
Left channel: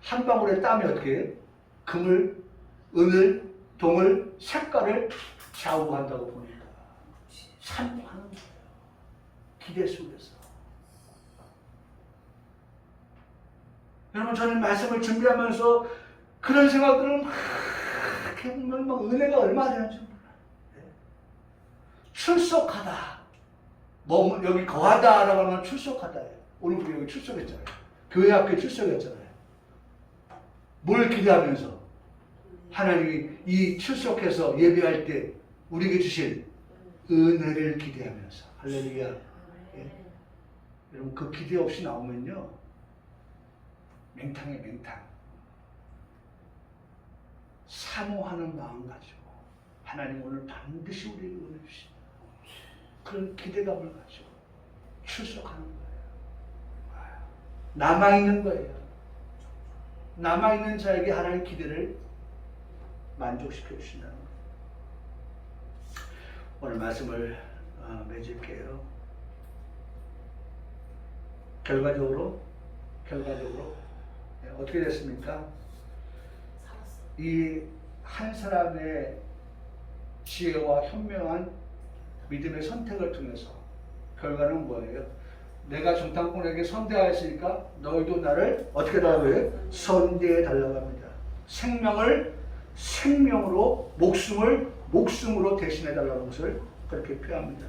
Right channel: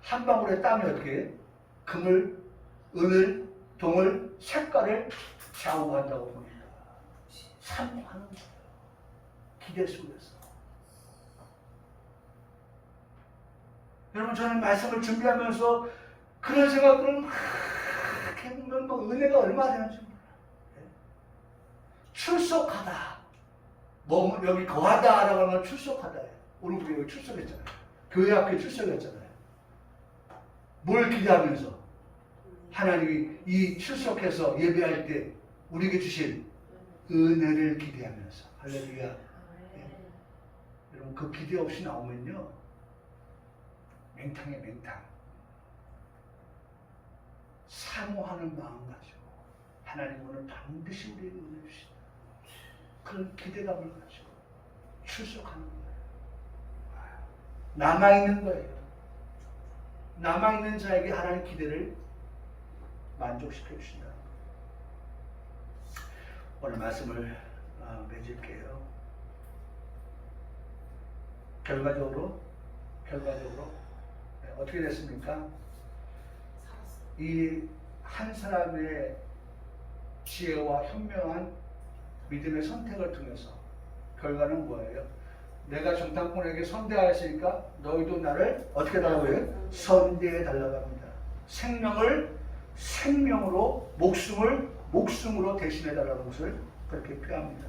한 방울의 땀이 어떻게 금을, 은을, 동을, 색깔을 좌우한다고 보니까 참고 하는 거예요. 기대 속에서. 여러분 저는 말씀을 준비하면서 그런 생각들은 막 해보면 막 은혜가 얼마나 되는지 몰라요. 네? 출석하다. 뭐 여기 거하다라고 하면 출석하다예요. 오늘 우리 여기 출석했잖아요. 교회 앞에 출석했잖아요. 뭘 기대하면서? 하나님이 이 출석해서 예배할 때 우리에게 주실 은혜를 기대하면서. 할렐루야. 네? 여러분 그 기대 없이 나오면요 맹탕이에요. 맹탕. 사모하는 마음 가지고 하나님 오늘 반드시 우리에게 은혜 주신다. 그런 기대감을 가지고 출석하는 거예요. 남아있는 거예요. 남아있는 자에게 하나님 기대를 만족시켜 주신다는 거예요. 오늘 말씀을 맺을게요. 결과적으로 어떻게 됐습니까? 이 한 사람의 지혜와 현명한 믿음의 선택을 통해서 결과는 뭐예요? 내가 정탐꾼에게 선대하였으니까 너희도 나를 어떻게 달라고 해요? 선대해 달라고 합니다. 생명을 생명으로, 목숨을 목숨으로 대신해 달라는 것을 그렇게 표현합니다.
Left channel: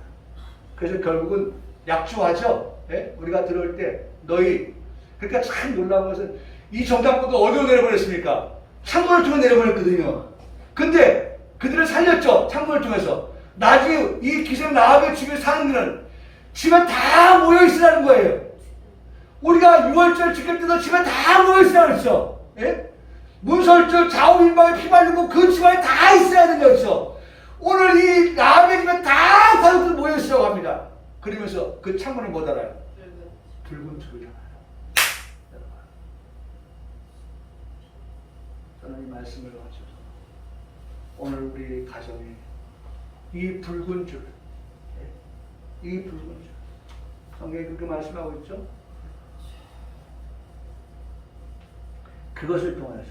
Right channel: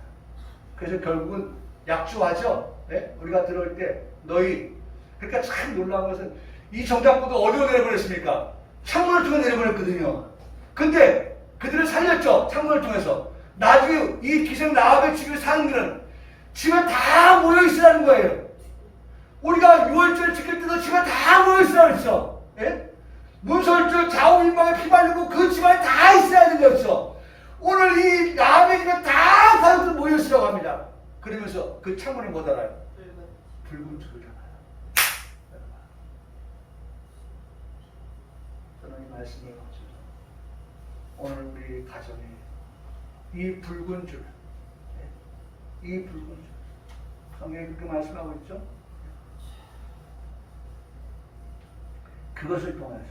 그래서 결국은 약주하죠. 네? 우리가 들어올 때 너희, 그러니까 참 놀라운 것은 이 정탐꾼도 어디로 내려보냈습니까? 창문을 통해 내려보냈거든요. 근데 그들을 살렸죠. 창문을 통해서. 나중에 이 기생 라합의 집에 사는 길은 집에 다 모여있으라는 거예요. 우리가 6월절 지킬 때도 집에 다 모여있으라고 했어. 예? 문설절 좌우일방에 피 바르고 그 집안에 다 있어야 되는 거였어. 오늘 이 라합의 집에 다 가족들 모여있으라고 합니다. 그러면서 그 창문에 뭐 달아요? 붉은 줄을 달아요. 저는 이 말씀을 가지고 오늘 우리 가정에 이 붉은 줄, 이 붉은 줄, 성경에 그렇게 말씀하고 있죠? 그것을 통해서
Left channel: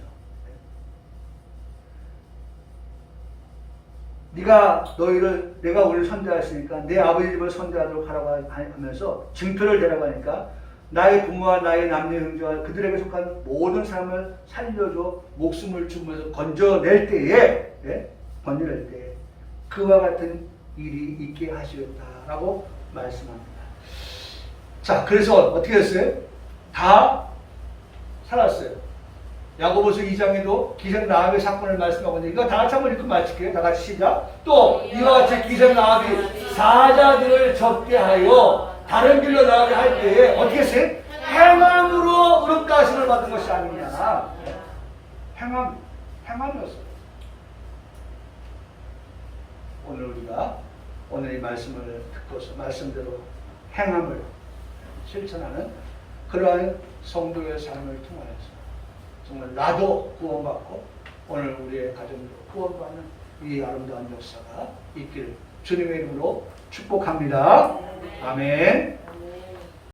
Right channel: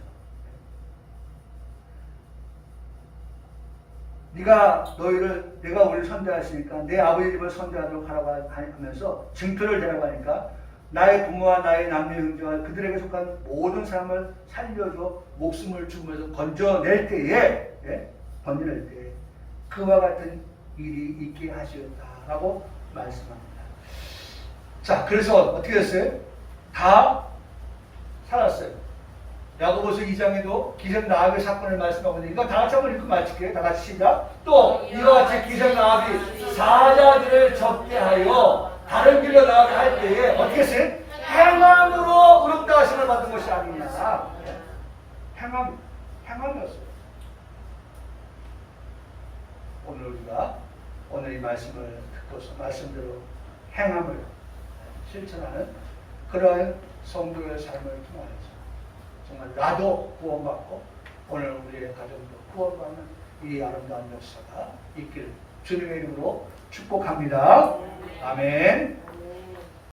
내가 우리를 선대하였으니까 내 아버지 집을 선대하도록 하라고 하면서 증표를 대라가니까 나의 부모와 나의 남녀 형제와 그들에게 속한 모든 사람을 살려줘 목숨을 주면서 건져낼 때에 건져낼 때 그와 같은 일이 있게 하시었다라고 말씀합니다. 자, 그래서 어떻게 했어요? 다 살았어요. 야고보서 2장에도 기생 라합의 사건을 말씀하고 있는데 이거 다 같이 한번 읽고 마칠게요. 다 같이 시작. 또 이와 같이 기생 라합이 사자들을 접대하여 다른 길로 나가게 할 때에 어떻게 했어요? 행함으로 의롭다 하심을 받은 것이 아니냐. 행함이었어요. 오늘 우리가 오늘 이 말씀을 듣고서 말씀대로 행함을 실천하는 그러한 성도의 삶을 통하여서 정말 나도 구원받고 오늘 우리의 가정도 구원받는 이 아름다운 역사가 있기를 주님의 이름으로 축복합니다. 아멘.